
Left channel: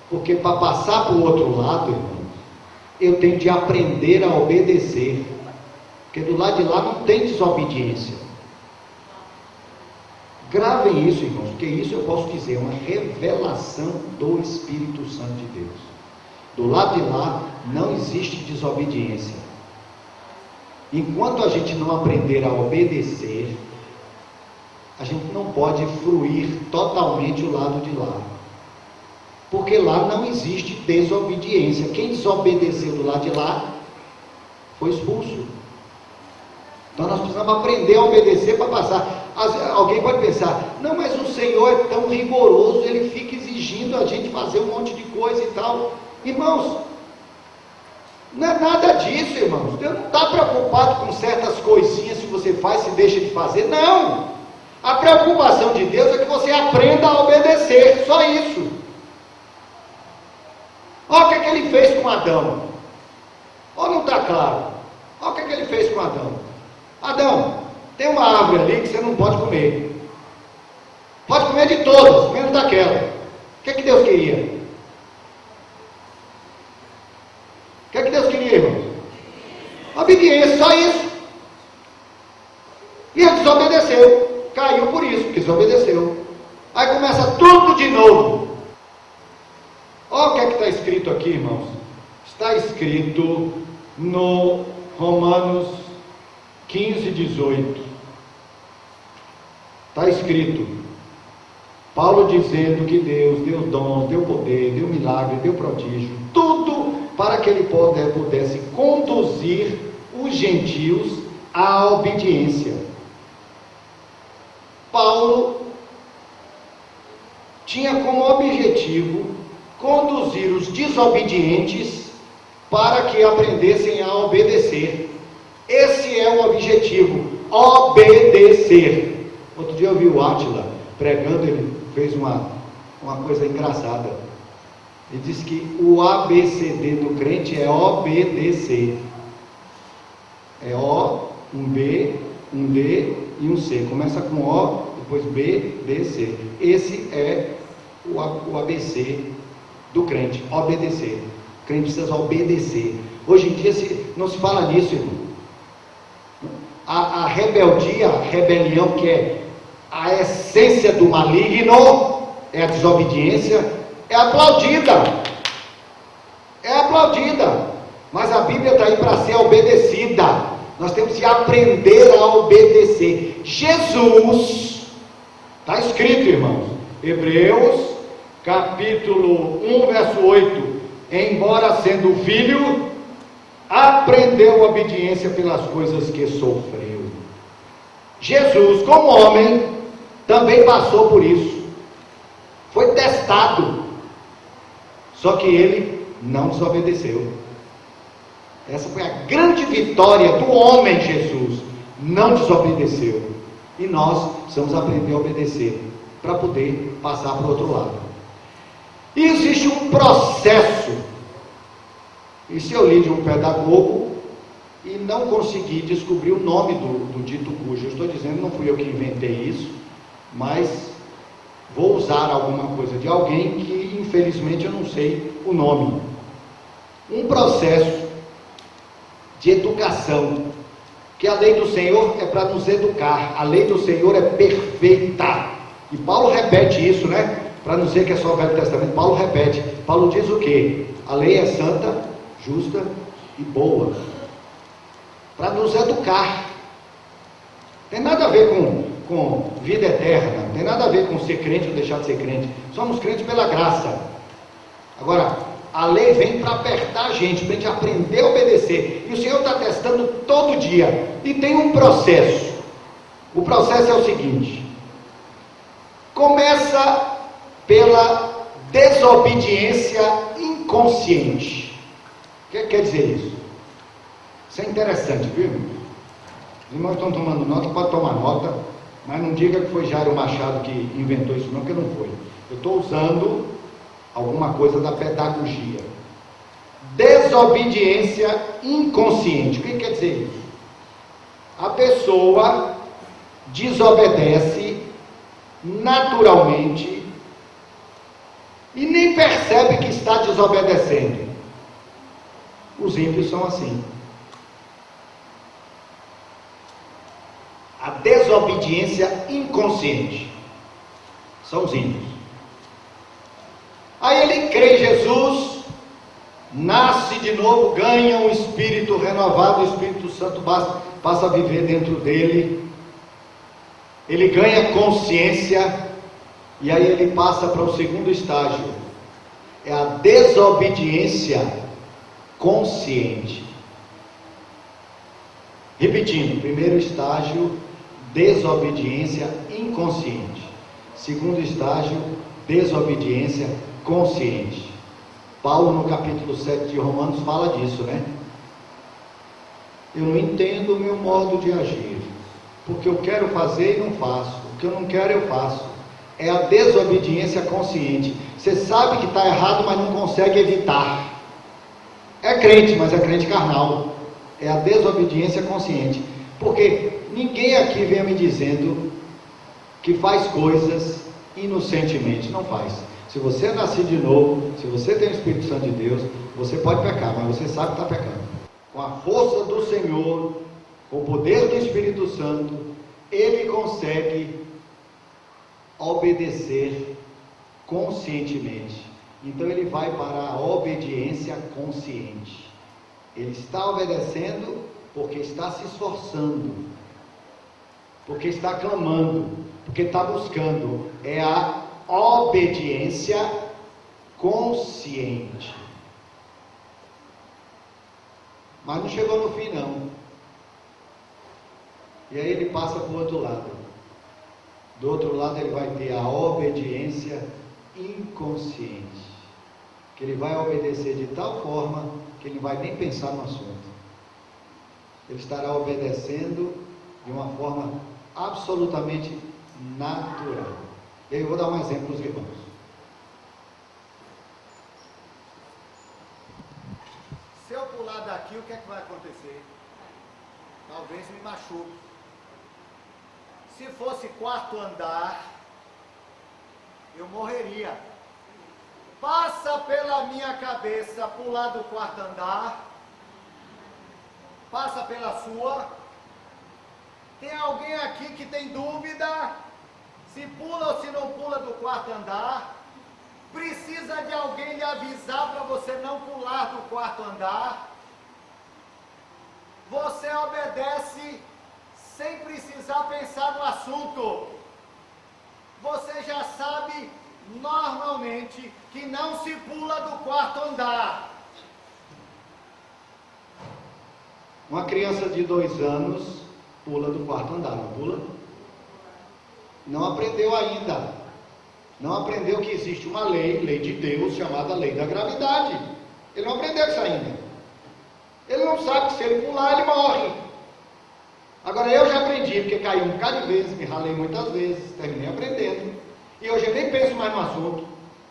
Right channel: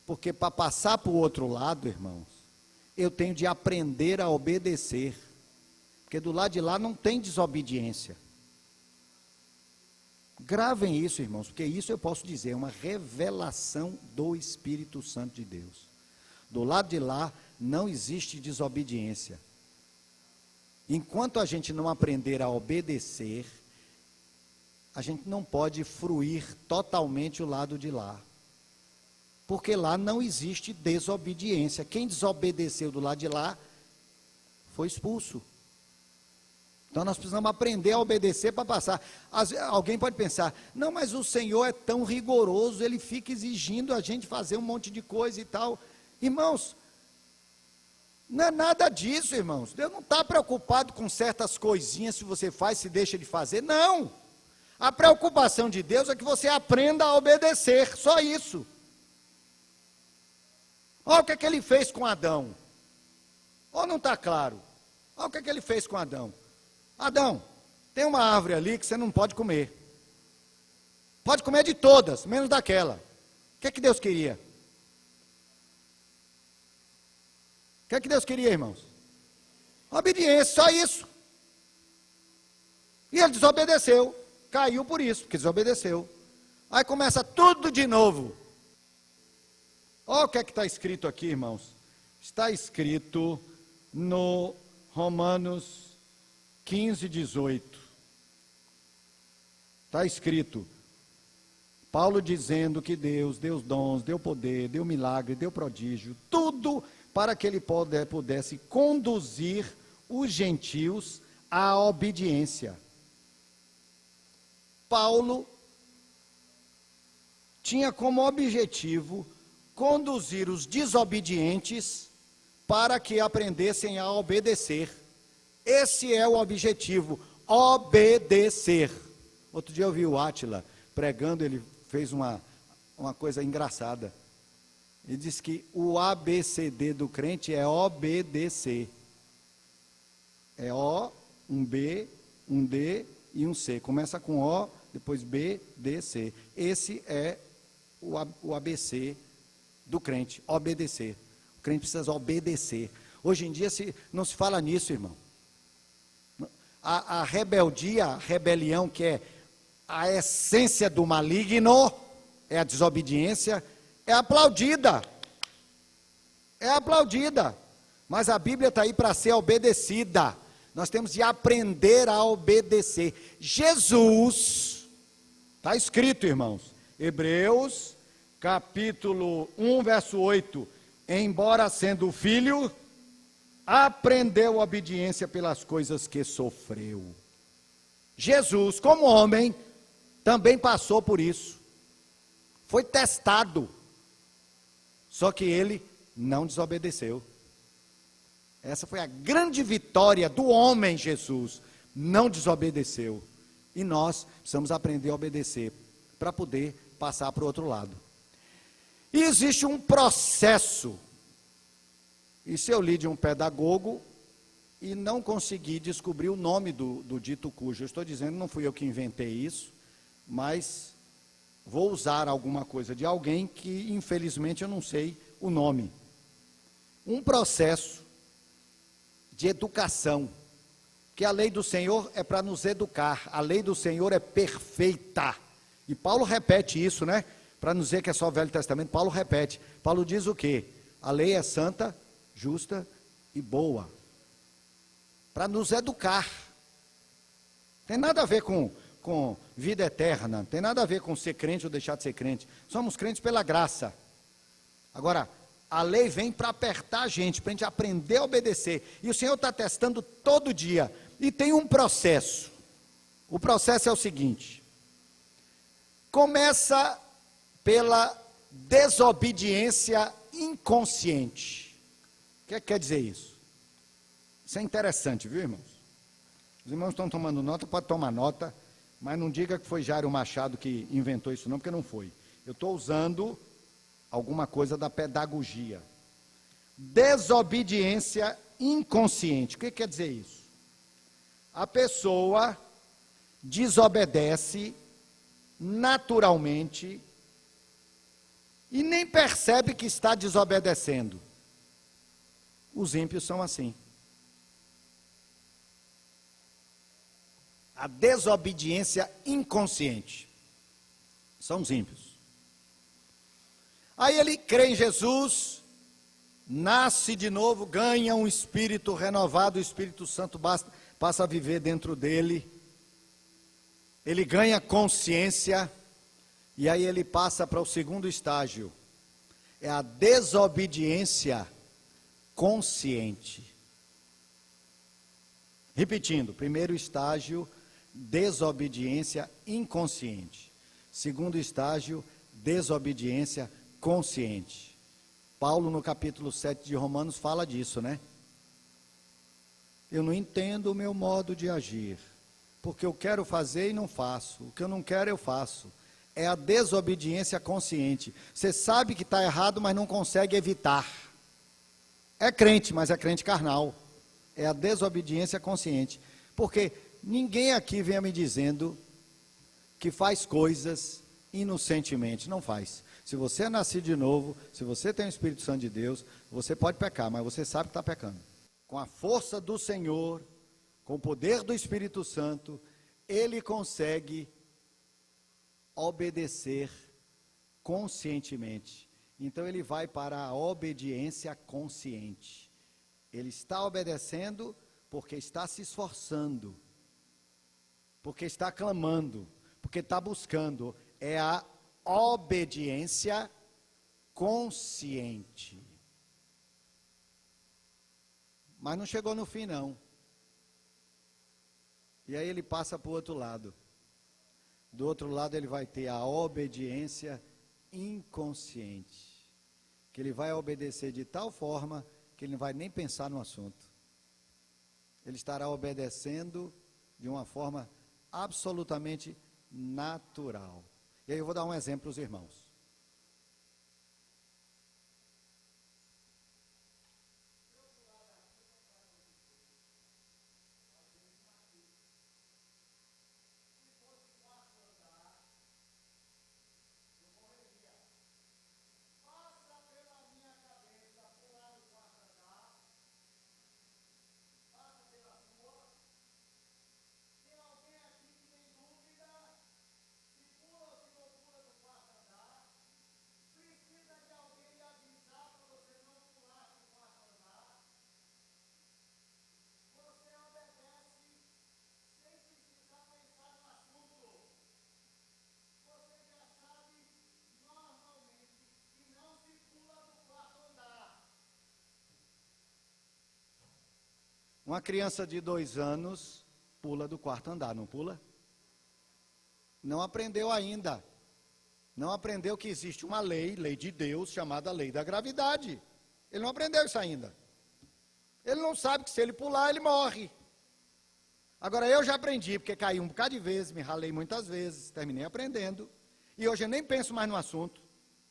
Porque para passar para o outro lado, irmãos, eu tenho de aprender a obedecer. Porque do lado de lá não tem desobediência. Gravem isso, irmãos, porque isso eu posso dizer, é uma revelação do Espírito Santo de Deus. Do lado de lá não existe desobediência. Enquanto a gente não aprender a obedecer, a gente não pode fruir totalmente o lado de lá. Porque lá não existe desobediência. Quem desobedeceu do lado de lá foi expulso. Então nós precisamos aprender a obedecer para passar. Alguém pode pensar, não, mas o Senhor é tão rigoroso, Ele fica exigindo a gente fazer um monte de coisa e tal. Irmãos, não é nada disso, irmãos. Deus não está preocupado com certas coisinhas que você faz e deixa de fazer. Não! A preocupação de Deus é que você aprenda a obedecer, só isso. Olha o que Ele fez com Adão. Olha, não está claro. Olha o que Ele fez com Adão. Adão, tem uma árvore ali que você não pode comer. Pode comer de todas, menos daquela. O que Deus queria? O que Deus queria, irmãos? Obediência, só isso. E ele desobedeceu. Caiu por isso, desobedeceu. Aí começa tudo de novo. Olha o que está escrito aqui, irmãos. escrito no Romanos 15, 18. Está escrito, Paulo dizendo que Deus deu dons, deu poder, deu milagre, deu prodígio, tudo para que ele pudesse conduzir os gentios à obediência. Paulo tinha como objetivo conduzir os desobedientes para que aprendessem a obedecer. Esse é o objetivo, obedecer. Outro dia eu vi o Átila pregando, ele fez uma coisa engraçada. Ele disse que o ABCD do crente é obedecer. É O, um B, um D e um C. Começa com O, depois B, D, C. Esse é o ABC do crente, obedecer. O crente precisa obedecer. Hoje em dia não se fala nisso, irmão. A rebeldia, a rebelião, que é a essência do maligno, é a desobediência, é aplaudida. É aplaudida. Mas a Bíblia está aí para ser obedecida. Nós temos que aprender a obedecer. Jesus, está escrito, irmãos, Hebreus, capítulo 1, verso 8. Embora sendo filho, aprendeu obediência pelas coisas que sofreu. Jesus, como homem, também passou por isso. Foi testado. Só que ele não desobedeceu. Essa foi a grande vitória do homem Jesus. Não desobedeceu. E nós precisamos aprender a obedecer para poder passar para o outro lado. E existe um processo. Isso eu li de um pedagogo e não consegui descobrir o nome do dito cujo. Eu estou dizendo, não fui eu que inventei isso, mas vou usar alguma coisa de alguém que infelizmente eu não sei o nome. Um processo de educação, que a lei do Senhor é para nos educar, a lei do Senhor é perfeita, e Paulo repete isso, né? Para não dizer que é só o Velho Testamento, Paulo repete. Paulo diz o quê? A lei é santa, justa e boa, para nos educar. Tem nada a ver com vida eterna, tem nada a ver com ser crente ou deixar de ser crente. Somos crentes pela graça. Agora, a lei vem para apertar a gente, para a gente aprender a obedecer. E o Senhor está testando todo dia. E tem um processo. O processo é o seguinte: começa pela desobediência inconsciente. O que quer dizer isso? Isso é interessante, viu? Os irmãos estão tomando nota, pode tomar nota, mas não diga que foi Jairo Machado que inventou isso, não, porque não foi. Eu estou usando alguma coisa da pedagogia. Desobediência inconsciente. O que quer dizer isso? A pessoa desobedece naturalmente e nem percebe que está desobedecendo. Os ímpios são assim. A desobediência inconsciente são os ímpios. Aí ele crê em Jesus, nasce de novo, ganha um espírito renovado, o Espírito Santo passa a viver dentro dele, ele ganha consciência, e aí ele passa para o segundo estágio, é a desobediência consciente. Repetindo, primeiro estágio, desobediência inconsciente. Segundo estágio, desobediência consciente. Paulo, no capítulo 7 de Romanos, fala disso, né? Eu não entendo o meu modo de agir. Porque eu quero fazer e não faço. O que eu não quero, eu faço. É a desobediência consciente. Você sabe que está errado, mas não consegue evitar. É crente, mas é crente carnal. É a desobediência consciente. Porque ninguém aqui vem me dizendo que faz coisas inocentemente. Não faz. Se você é nascido de novo, se você tem o Espírito Santo de Deus, você pode pecar, mas você sabe que está pecando. Com a força do Senhor, com o poder do Espírito Santo, ele consegue obedecer conscientemente. Então ele vai para a obediência consciente. Ele está obedecendo porque está se esforçando, porque está clamando, porque está buscando. É a obediência consciente. Mas não chegou no fim, não. E aí ele passa para o outro lado. Do outro lado ele vai ter a obediência inconsciente. Que ele vai obedecer de tal forma que ele não vai nem pensar no assunto. Ele estará obedecendo de uma forma absolutamente natural. E aí eu vou dar um exemplo para os irmãos. Se eu pular daqui, o que é que vai acontecer? Talvez me machuque. Se fosse quarto andar, eu morreria. Passa pela minha cabeça pular do quarto andar, passa pela sua. Tem alguém aqui que tem dúvida se pula ou se não pula do quarto andar? Precisa de alguém lhe avisar para você não pular do quarto andar? Você obedece sem precisar pensar no assunto. Você já sabe normalmente que não se pula do quarto andar. Uma criança de 2 anos pula do quarto andar, não pula? Não aprendeu ainda. Não aprendeu que existe uma lei de Deus, chamada lei da gravidade. Ele não aprendeu isso ainda. Ele não sabe que se ele pular, ele morre. Agora eu já aprendi, porque caí um bocado de vezes, me ralei muitas vezes, terminei aprendendo. E hoje eu nem penso mais no assunto.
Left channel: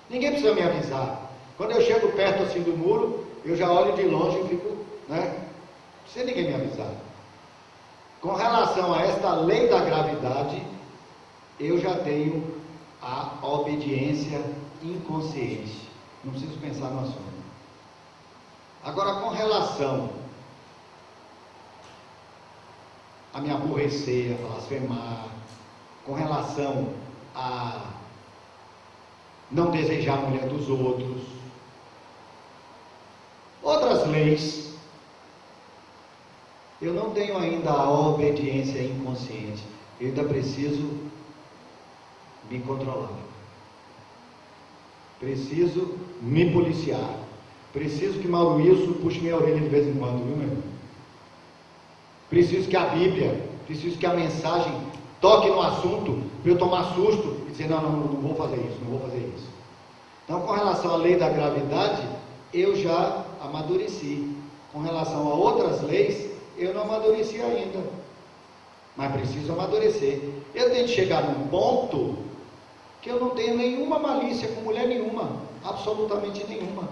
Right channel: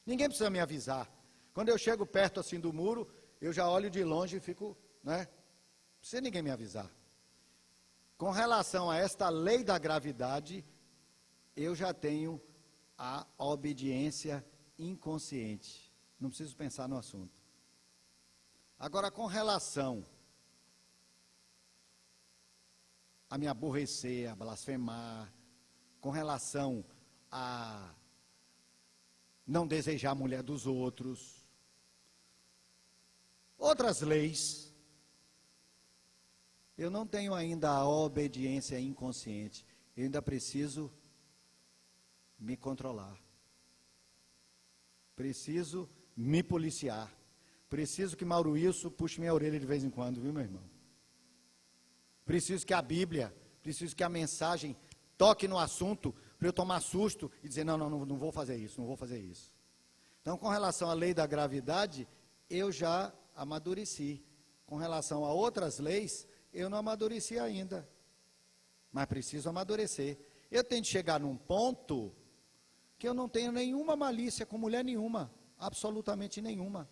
Ninguém precisa me avisar. Quando eu chego perto assim do muro, eu já olho de longe e fico, sem ninguém me avisar. Com relação a esta lei da gravidade, eu já tenho a obediência inconsciente. Não preciso pensar no assunto. Agora, com relação a me aborrecer, a blasfemar, com relação a não desejar a mulher dos outros, outras leis, eu não tenho ainda a obediência inconsciente. Eu ainda preciso me controlar. Preciso me policiar. Preciso que Mauro Wilson puxe minha orelha de vez em quando, viu, meu irmão? Preciso que a Bíblia, preciso que a mensagem toque no assunto, para eu tomar susto e dizer, não vou fazer isso, não vou fazer isso. Então, com relação à lei da gravidade, eu já amadureci. Com relação a outras leis, eu não amadureci ainda. Mas preciso amadurecer. Eu tenho que chegar num ponto que eu não tenho nenhuma malícia com mulher nenhuma, absolutamente nenhuma.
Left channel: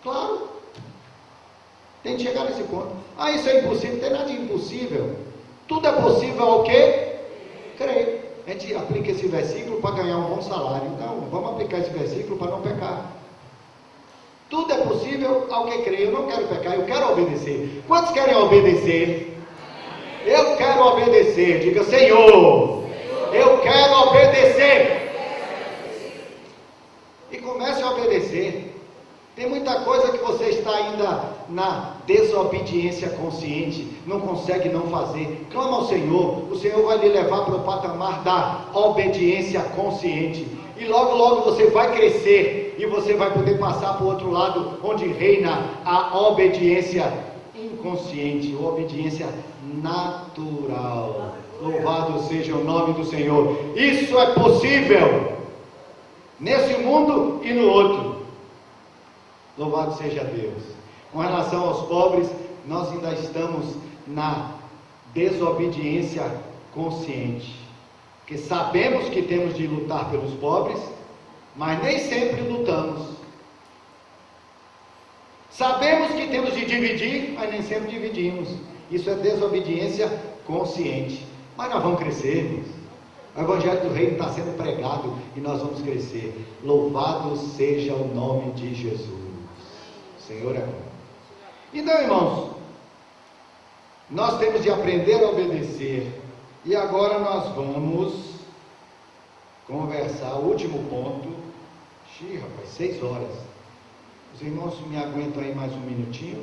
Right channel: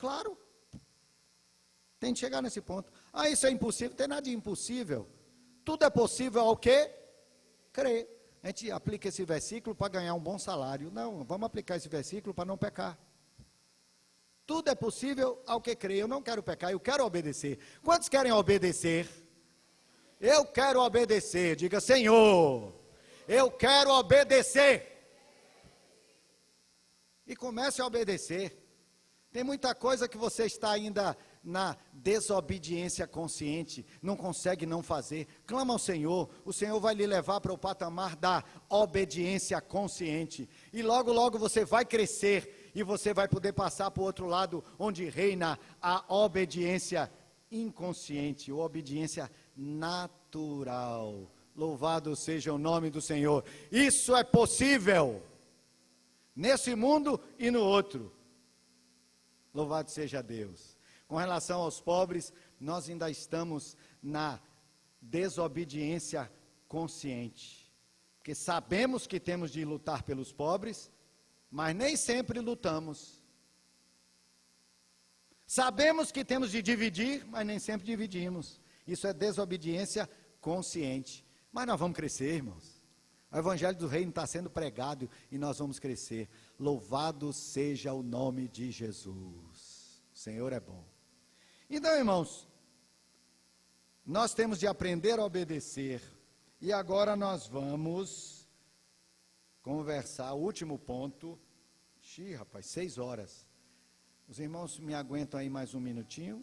Claro. Tem que chegar nesse ponto. Ah, isso é impossível. Não tem nada de impossível. Tudo é possível ao quê? Crer. A gente aplica esse versículo para ganhar um bom salário. Então, vamos aplicar esse versículo para não pecar. Tudo é possível ao que crer. Eu não quero pecar, eu quero obedecer. Quantos querem obedecer? Eu quero obedecer. Diga, Senhor, eu quero obedecer. E comece a obedecer. Tem muita coisa que você está ainda na desobediência consciente, não consegue não fazer. Clama ao Senhor, o Senhor vai lhe levar para o patamar da obediência consciente. E logo, logo você vai crescer e você vai poder passar para o outro lado, onde reina a obediência inconsciente, a obediência natural. Louvado seja o nome do Senhor. Isso é possível nesse mundo e no outro. Louvado seja Deus. Com relação aos pobres, nós ainda estamos na desobediência consciente. Porque sabemos que temos de lutar pelos pobres, mas nem sempre lutamos. Sabemos que temos de dividir, mas nem sempre dividimos. Isso é desobediência consciente. Mas nós vamos crescer, irmãos. O Evangelho do Reino está sendo pregado e nós vamos crescer. Louvado seja o nome de Jesus. Senhor é bom. Então, irmãos, nós temos de aprender a obedecer. E agora nós vamos conversar o último ponto. Rapaz, 6 horas. Os irmãos me aguentam aí mais um minutinho?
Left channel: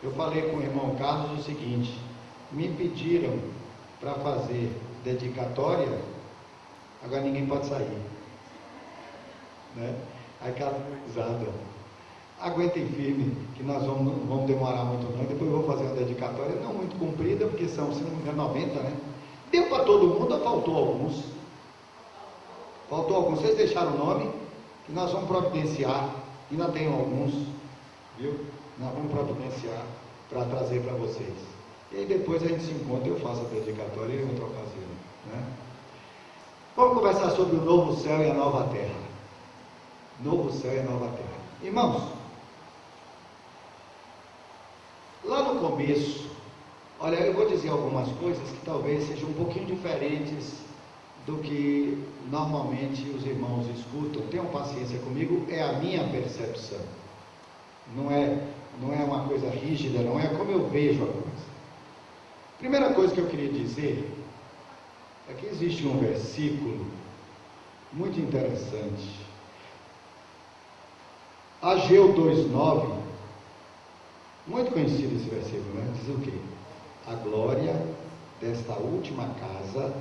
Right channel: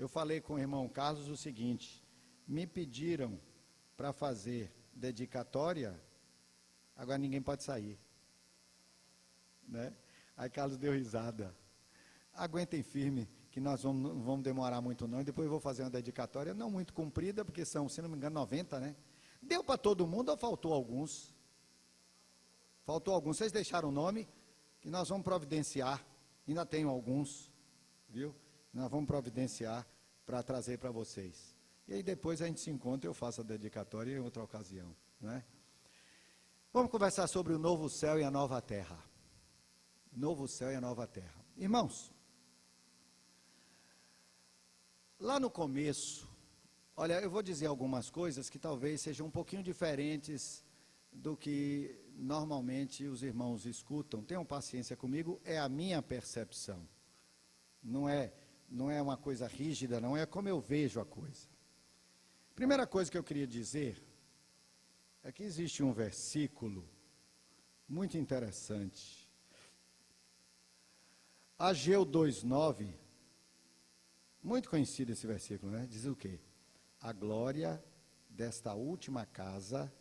Eu falei com o irmão Carlos o seguinte: me pediram para fazer dedicatória, agora ninguém pode sair. Né? Aí Carlos deu risada. Aguentem firme, que nós vamos demorar muito não. Depois eu vou fazer uma dedicatória, não muito comprida, porque são, se não me engano, 90, né? Deu para todo mundo ou faltou alguns? Faltou alguns. Vocês deixaram o nome? E nós vamos providenciar. Ainda tem alguns, viu? Nós vamos providenciar para trazer para vocês. E aí depois a gente se encontra, eu faço a dedicatória em outra ocasião, né? Vamos conversar sobre o novo céu e a nova terra. Novo céu e a nova terra. Irmãos, lá no começo, olha, eu vou dizer algumas coisas que talvez sejam um pouquinho diferentes do que normalmente os irmãos escutam. Tenham paciência comigo, é a minha percepção. Não é uma coisa rígida, não é como eu vejo a coisa. Primeira coisa que eu queria dizer é que existe um versículo muito interessante. Ageu 2,9, muito conhecido esse versículo, né? Diz o quê? A glória desta última casa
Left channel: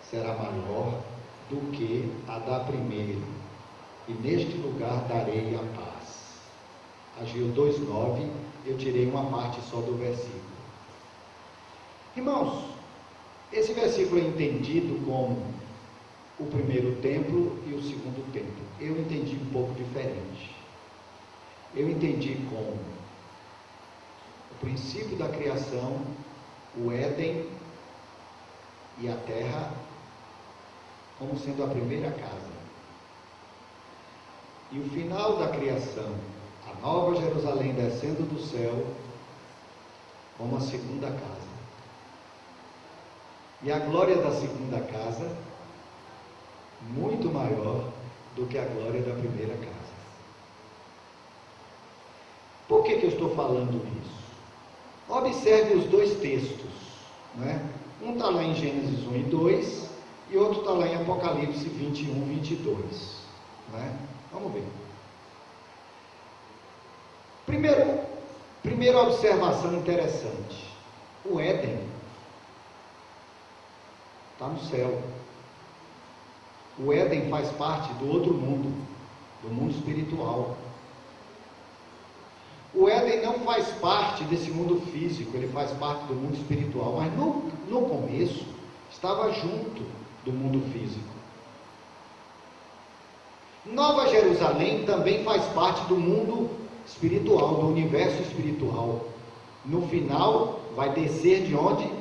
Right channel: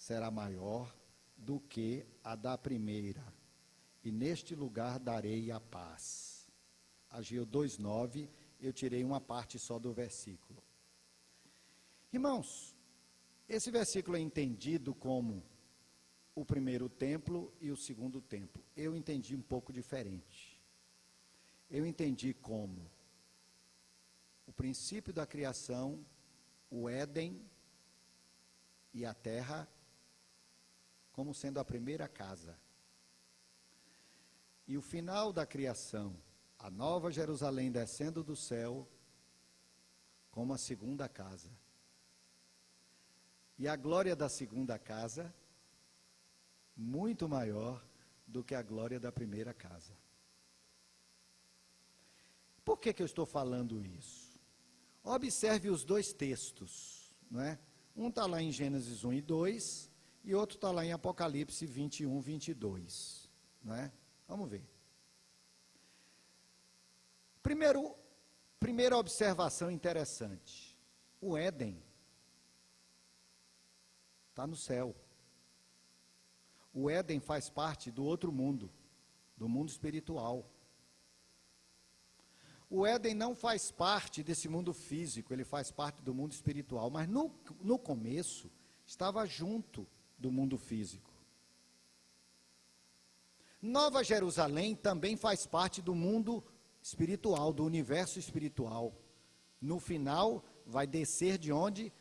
será maior do que a da primeira, e neste lugar darei a paz. Ageu 2,9, eu tirei uma parte só do versículo. Irmãos, esse versículo é entendido como o primeiro templo e o segundo templo. Eu entendi um pouco diferente. Eu entendi como o princípio da criação, o Éden e a terra, como sendo a primeira casa. E o final da criação, a nova Jerusalém descendo do céu, como a segunda casa. E a glória da segunda casa, muito maior do que a glória da primeira casa. Por que eu estou falando isso? Observe os dois textos, né? Um está lá em Gênesis 1 e 2, e outro está lá em Apocalipse 21, 22. Né? Vamos ver. Primeira observação interessante. O Éden está no céu. O Éden faz parte do outro mundo, do mundo espiritual. O Éden não faz parte desse mundo físico, ele faz parte do mundo espiritual, mas no começo estava junto do mundo físico. Nova Jerusalém também faz parte do mundo espiritual, do universo espiritual. No final, vai descer de onde?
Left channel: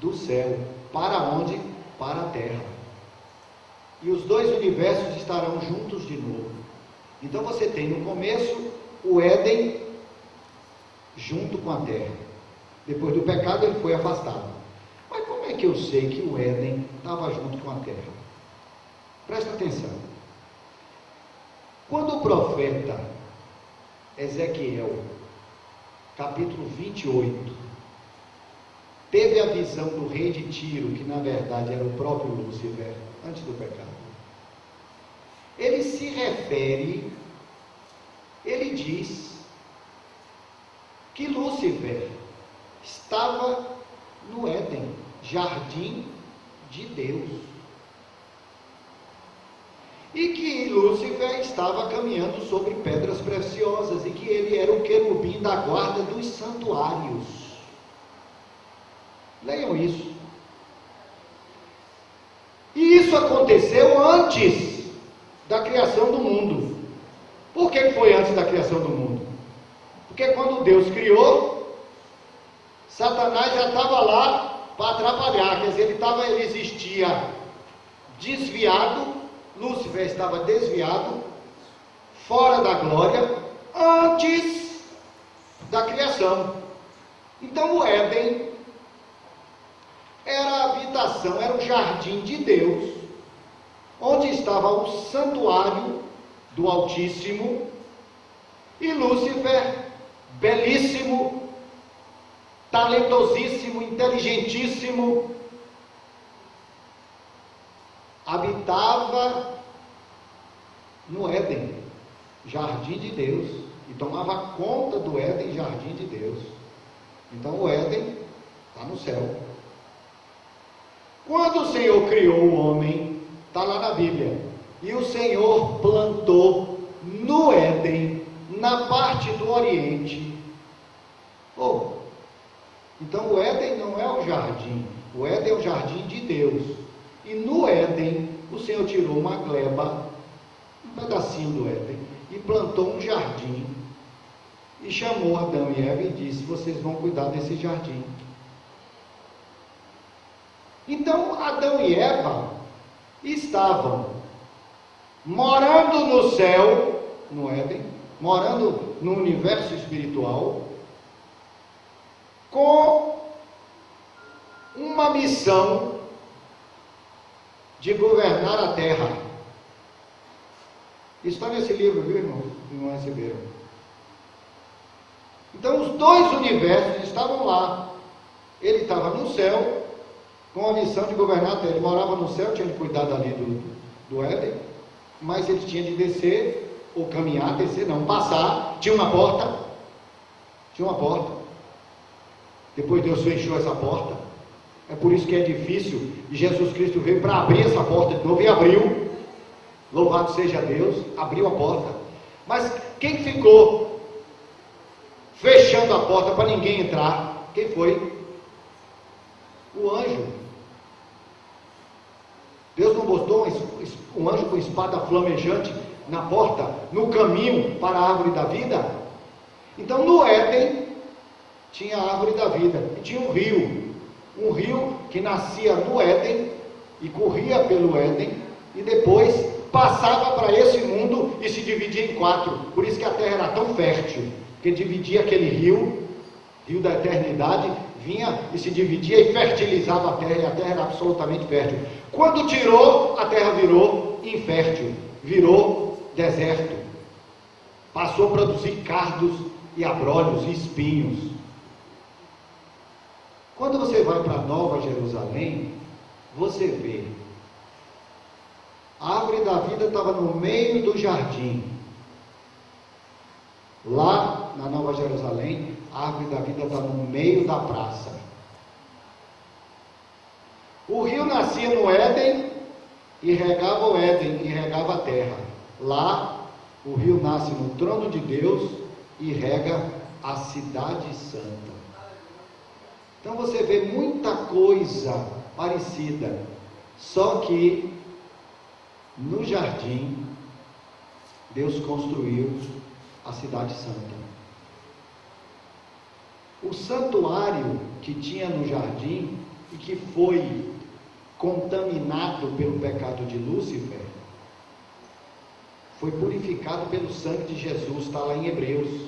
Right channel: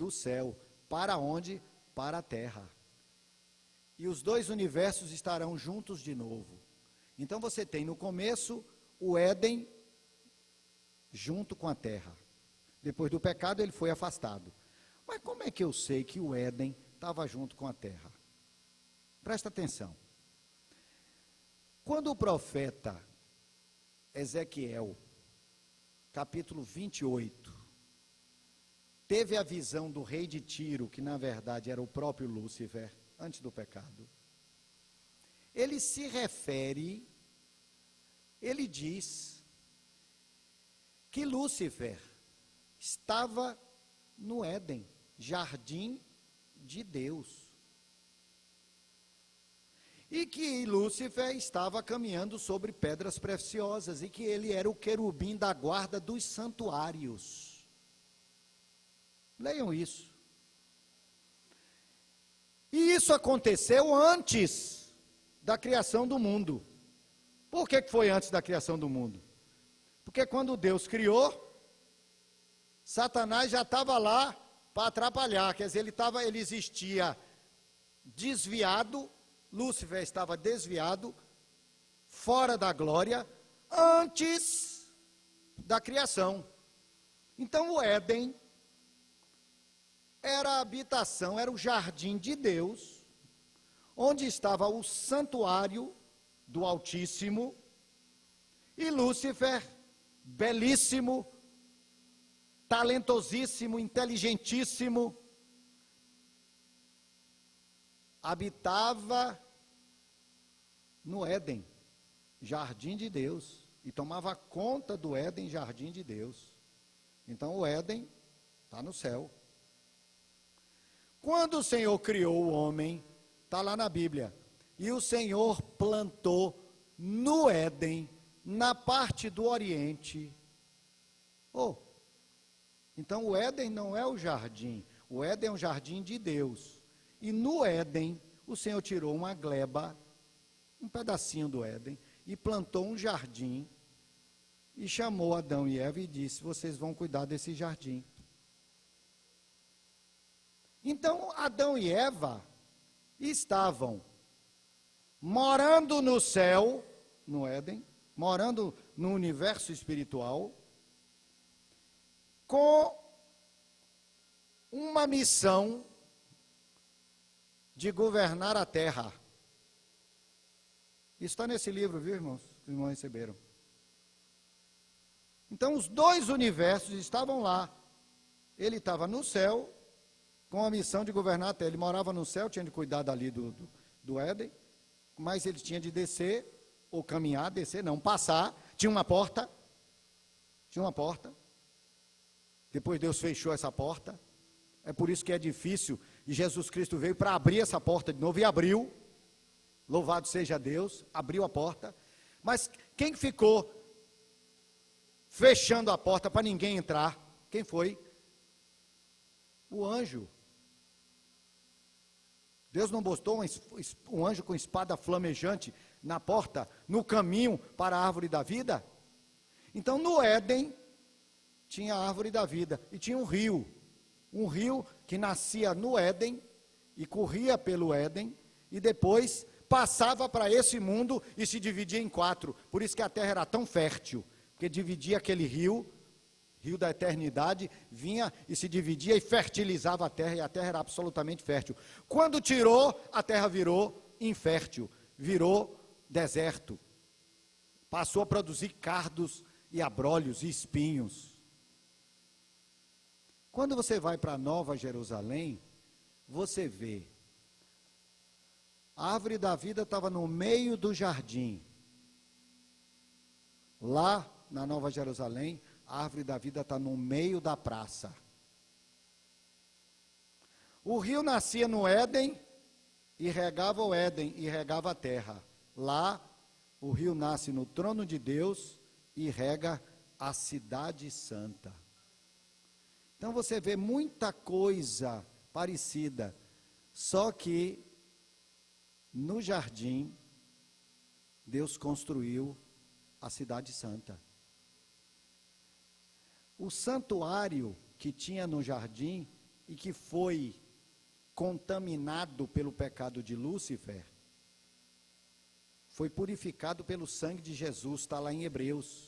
Do céu. Para onde? Para a terra. E os dois universos estarão juntos de novo. Então você tem no começo o Éden junto com a terra. Depois do pecado ele foi afastado. Mas como é que eu sei que o Éden estava junto com a terra? Presta atenção. Quando o profeta Ezequiel, capítulo 28, teve a visão do rei de Tiro, que na verdade era o próprio Lúcifer, antes do pecado, ele se refere, ele diz que Lúcifer estava no Éden, jardim de Deus, e que Lúcifer estava caminhando sobre pedras preciosas, e que ele era o querubim da guarda dos santuários. Leiam isso. E isso aconteceu antes da criação do mundo. Por que foi antes da criação do mundo? Porque quando Deus criou, Satanás já estava lá para atrapalhar, quer dizer, ele existia desviado, Lúcifer estava desviado, fora da glória, antes da criação. Então o Éden era a habitação, era o jardim de Deus, onde estava o santuário do Altíssimo, e Lúcifer, belíssimo, talentosíssimo, inteligentíssimo, habitava no Éden, jardim de Deus, e tomava conta do Éden, jardim de Deus. Então o Éden está no céu. Quando o Senhor criou o homem, está lá na Bíblia, e o Senhor plantou no Éden, na parte do Oriente. Então o Éden não é o jardim, o Éden é o jardim de Deus. E no Éden, o Senhor tirou uma gleba, um pedacinho do Éden, e plantou um jardim, e chamou Adão e Eva e disse: vocês vão cuidar desse jardim. Então Adão e Eva estavam morando no céu, no Éden, morando no universo espiritual, com uma missão de governar a terra. Está nesse livro, viu, irmãos? Não receberam. Então os dois universos estavam lá. Ele estava no céu, com a missão de governar a terra. Ele morava no céu, tinha de cuidar ali do Éden, mas ele tinha de descer, ou caminhar, descer não, passar, tinha uma porta. Depois Deus fechou essa porta. É por isso que é difícil, e Jesus Cristo veio para abrir essa porta de novo, e abriu. Louvado seja Deus, abriu a porta. Mas quem ficou fechando a porta para ninguém entrar? Quem foi? O anjo. Deus não botou um anjo com espada flamejante na porta, no caminho para a árvore da vida? Então no Éden tinha a árvore da vida, e tinha um rio que nascia no Éden, e corria pelo Éden, e depois passava para esse mundo e se dividia em 4, por isso que a terra era tão fértil, porque dividia aquele rio da eternidade, vinha e se dividia e fertilizava a terra, e a terra era absolutamente fértil. Quando tirou, a terra virou infértil, virou deserto, passou a produzir cardos e abrolhos e espinhos. Quando você vai para Nova Jerusalém, você vê, a árvore da vida estava no meio do jardim. Lá na Nova Jerusalém, a árvore da vida está no meio da praça. O rio nascia no Éden e regava o Éden, e regava a terra. Lá, o rio nasce no trono de Deus e rega a cidade santa. Então você vê muita coisa parecida, só que no jardim, Deus construiu a cidade santa. O santuário que tinha no jardim e que foi contaminado pelo pecado de Lúcifer, foi purificado pelo sangue de Jesus, está lá em Hebreus.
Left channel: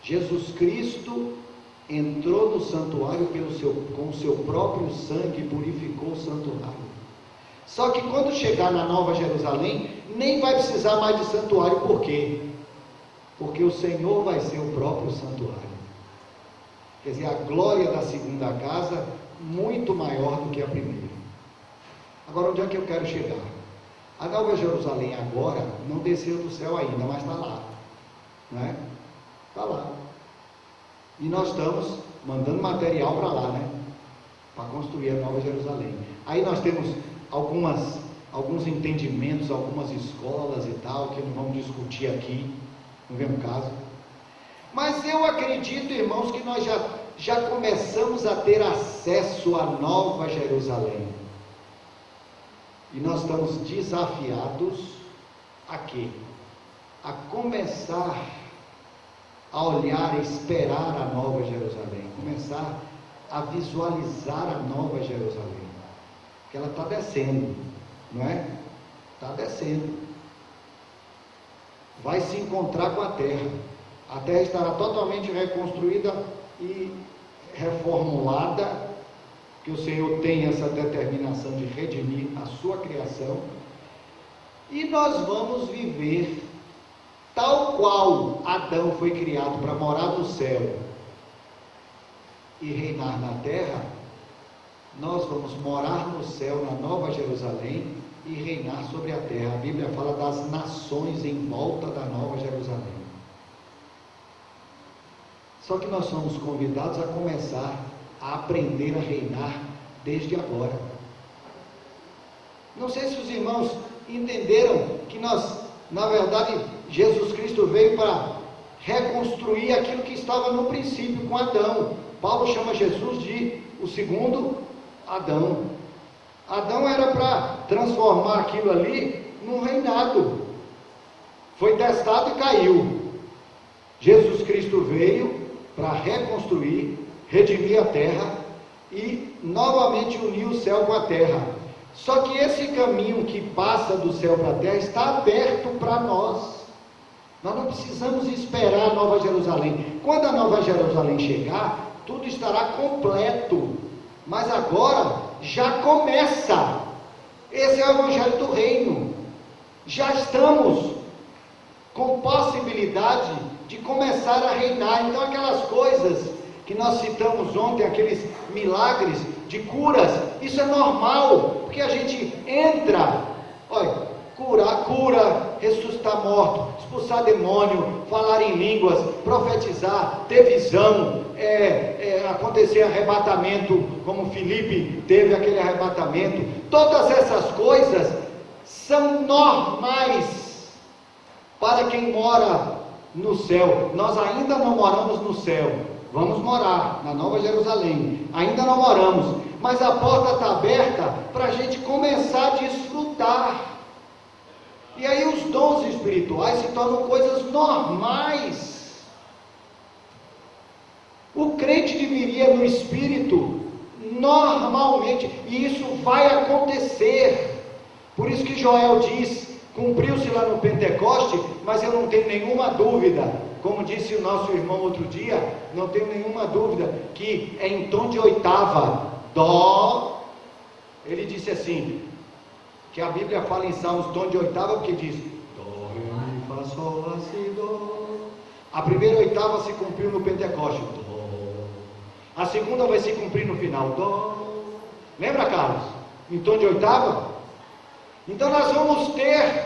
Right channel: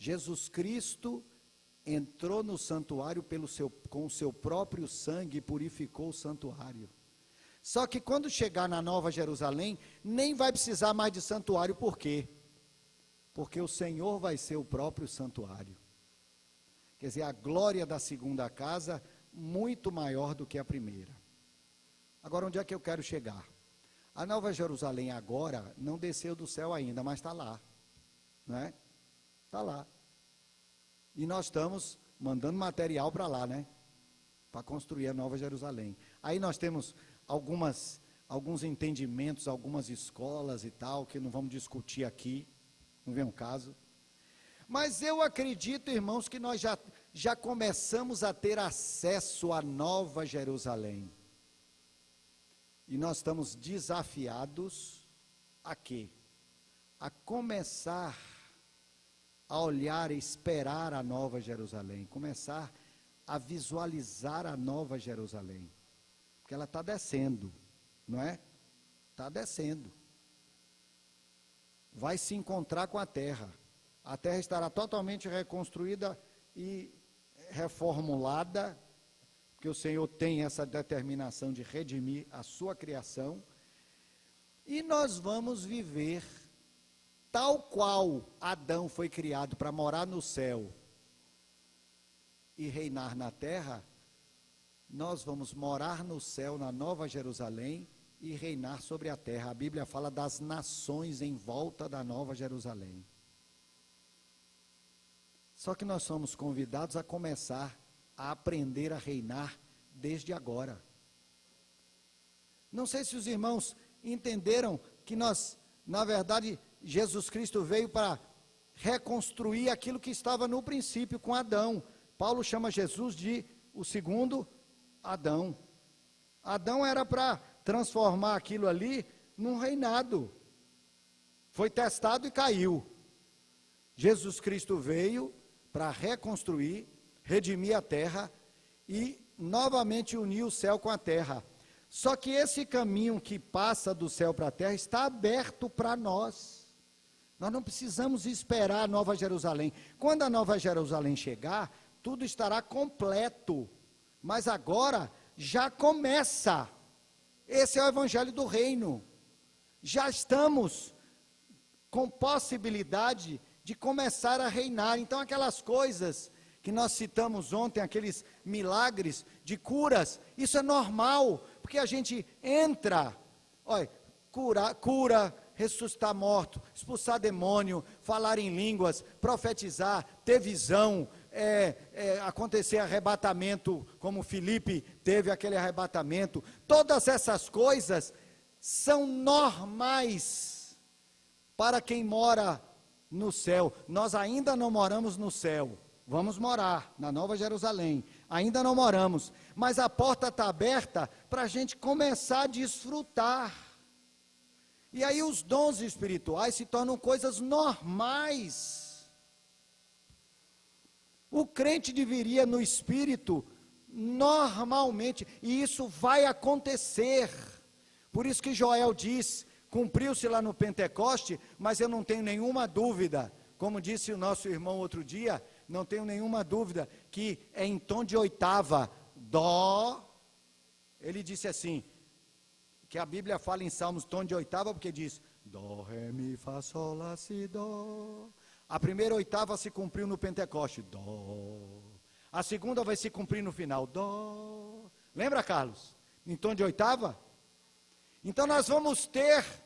Jesus Cristo entrou no santuário com o seu próprio sangue e purificou o santuário. Só que quando chegar na Nova Jerusalém, nem vai precisar mais de santuário. Por quê? Porque o Senhor vai ser o próprio santuário. Quer dizer, a glória da segunda casa, muito maior do que a primeira. Agora, onde é que eu quero chegar? A Nova Jerusalém agora não desceu do céu ainda, mas está lá. Não é? Está lá. E nós estamos mandando material para lá, né? Para construir a Nova Jerusalém. Aí nós temos alguns entendimentos, algumas escolas e tal, que não vamos discutir aqui, não vem o caso. Mas eu acredito, irmãos, que nós já começamos a ter acesso à Nova Jerusalém. E nós estamos desafiados a quê? A começar a olhar, a esperar a Nova Jerusalém, começar a visualizar a Nova Jerusalém. Ela está descendo, não é? Está descendo. Vai se encontrar com a terra. A terra estará totalmente reconstruída e reformulada, que o Senhor tem essa determinação de redimir a sua criação, e nós vamos viver tal qual Adão foi criado para morar no céu e reinar na terra. Nós vamos morar no céu, na Nova Jerusalém, e reinar sobre a terra. A Bíblia fala das nações em volta da Nova Jerusalém. Só que nós somos convidados a começar a aprender a reinar desde agora. Não sei se os irmãos entenderam que nós, na verdade, Jesus Cristo veio para reconstruir aquilo que estava no princípio com Adão. Paulo chama Jesus de o segundo Adão. Adão era para transformar aquilo ali num reinado. Foi testado e caiu. Jesus Cristo veio para reconstruir, redimir a terra e novamente unir o céu com a terra. Só que esse caminho que passa do céu para a terra está aberto para nós. Nós não precisamos esperar a Nova Jerusalém. Quando a Nova Jerusalém chegar, tudo estará completo. Mas agora já começa. Esse é o Evangelho do Reino. Já estamos com possibilidade de começar a reinar. Então aquelas coisas que nós citamos ontem, aqueles milagres de curas, isso é normal, porque a gente entra, olha, cura, ressuscitar morto, expulsar demônio, falar em línguas, profetizar, ter visão, acontecer arrebatamento, como Filipe teve aquele arrebatamento. Todas essas coisas são normais para quem mora no céu. Nós ainda não moramos no céu, vamos morar na Nova Jerusalém, ainda não moramos, mas a porta está aberta para a gente começar a desfrutar. E aí os dons espirituais se tornam coisas normais. O crente viveria no Espírito normalmente, e isso vai acontecer. Por isso que Joel diz, cumpriu-se lá no Pentecoste, mas eu não tenho nenhuma dúvida, como disse o nosso irmão outro dia, não tenho nenhuma dúvida, que é em tom de oitava, dó. Ele disse assim, que a Bíblia fala em Salmos, tom de oitava, porque diz, dó, ré, mi, fá, sol, lá, si, dó. A primeira oitava se cumpriu no Pentecoste, dó. A segunda vai se cumprir no final, dó. Lembra, Carlos? Em tom de oitava? Então nós vamos ter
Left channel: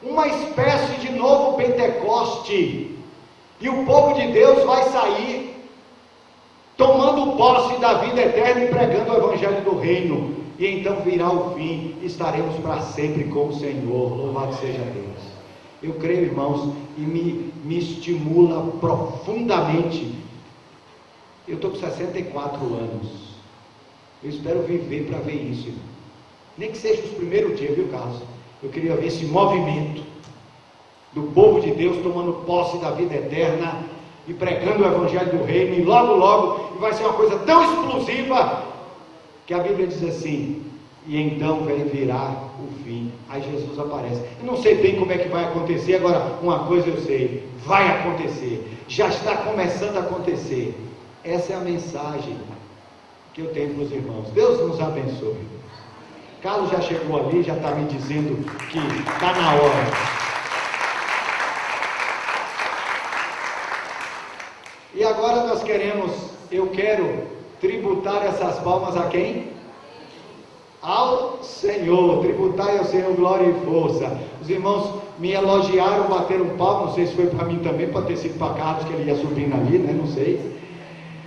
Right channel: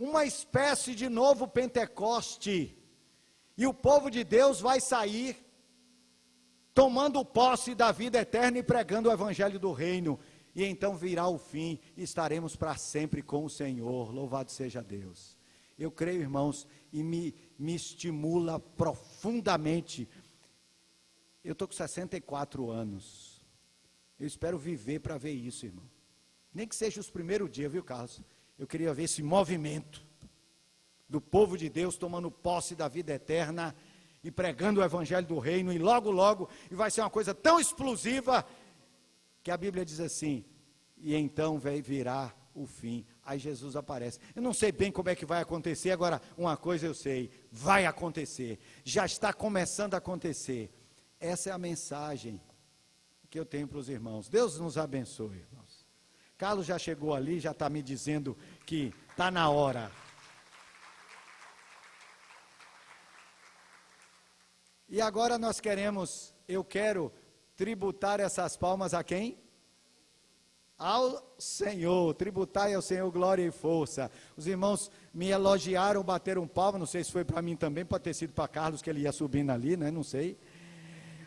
uma espécie de novo Pentecoste, e o povo de Deus vai sair tomando posse da vida eterna e pregando o Evangelho do Reino, e então virá o fim, estaremos para sempre com o Senhor, louvado seja Deus. Eu creio, irmãos, e me estimula profundamente. Eu estou com 64 anos, eu espero viver para ver isso, irmão. Nem que seja os primeiros dias, viu, Carlos? Eu queria ver esse movimento do povo de Deus tomando posse da vida eterna e pregando o Evangelho do Reino, e logo vai ser uma coisa tão explosiva que a Bíblia diz assim, e então vai virar o fim. Aí Jesus aparece. Eu não sei bem como é que vai acontecer, agora uma coisa eu sei, vai acontecer, já está começando a acontecer. Essa é a mensagem que eu tenho para os irmãos. Deus nos abençoe. Carlos já chegou ali, já está me dizendo que está na hora. E agora eu quero tributar essas palmas a quem? Ao Senhor, tributai ao Senhor glória e força. Os irmãos me elogiaram, bateram palmas, não sei se foi para mim também, para ter sido para Carlos, que ele ia subindo ali, né? Não sei.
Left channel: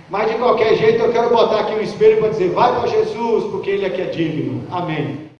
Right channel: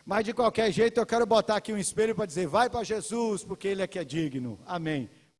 Mas de qualquer jeito eu quero botar aqui o espelho para dizer, vai para Jesus, porque Ele é que é digno. Amém.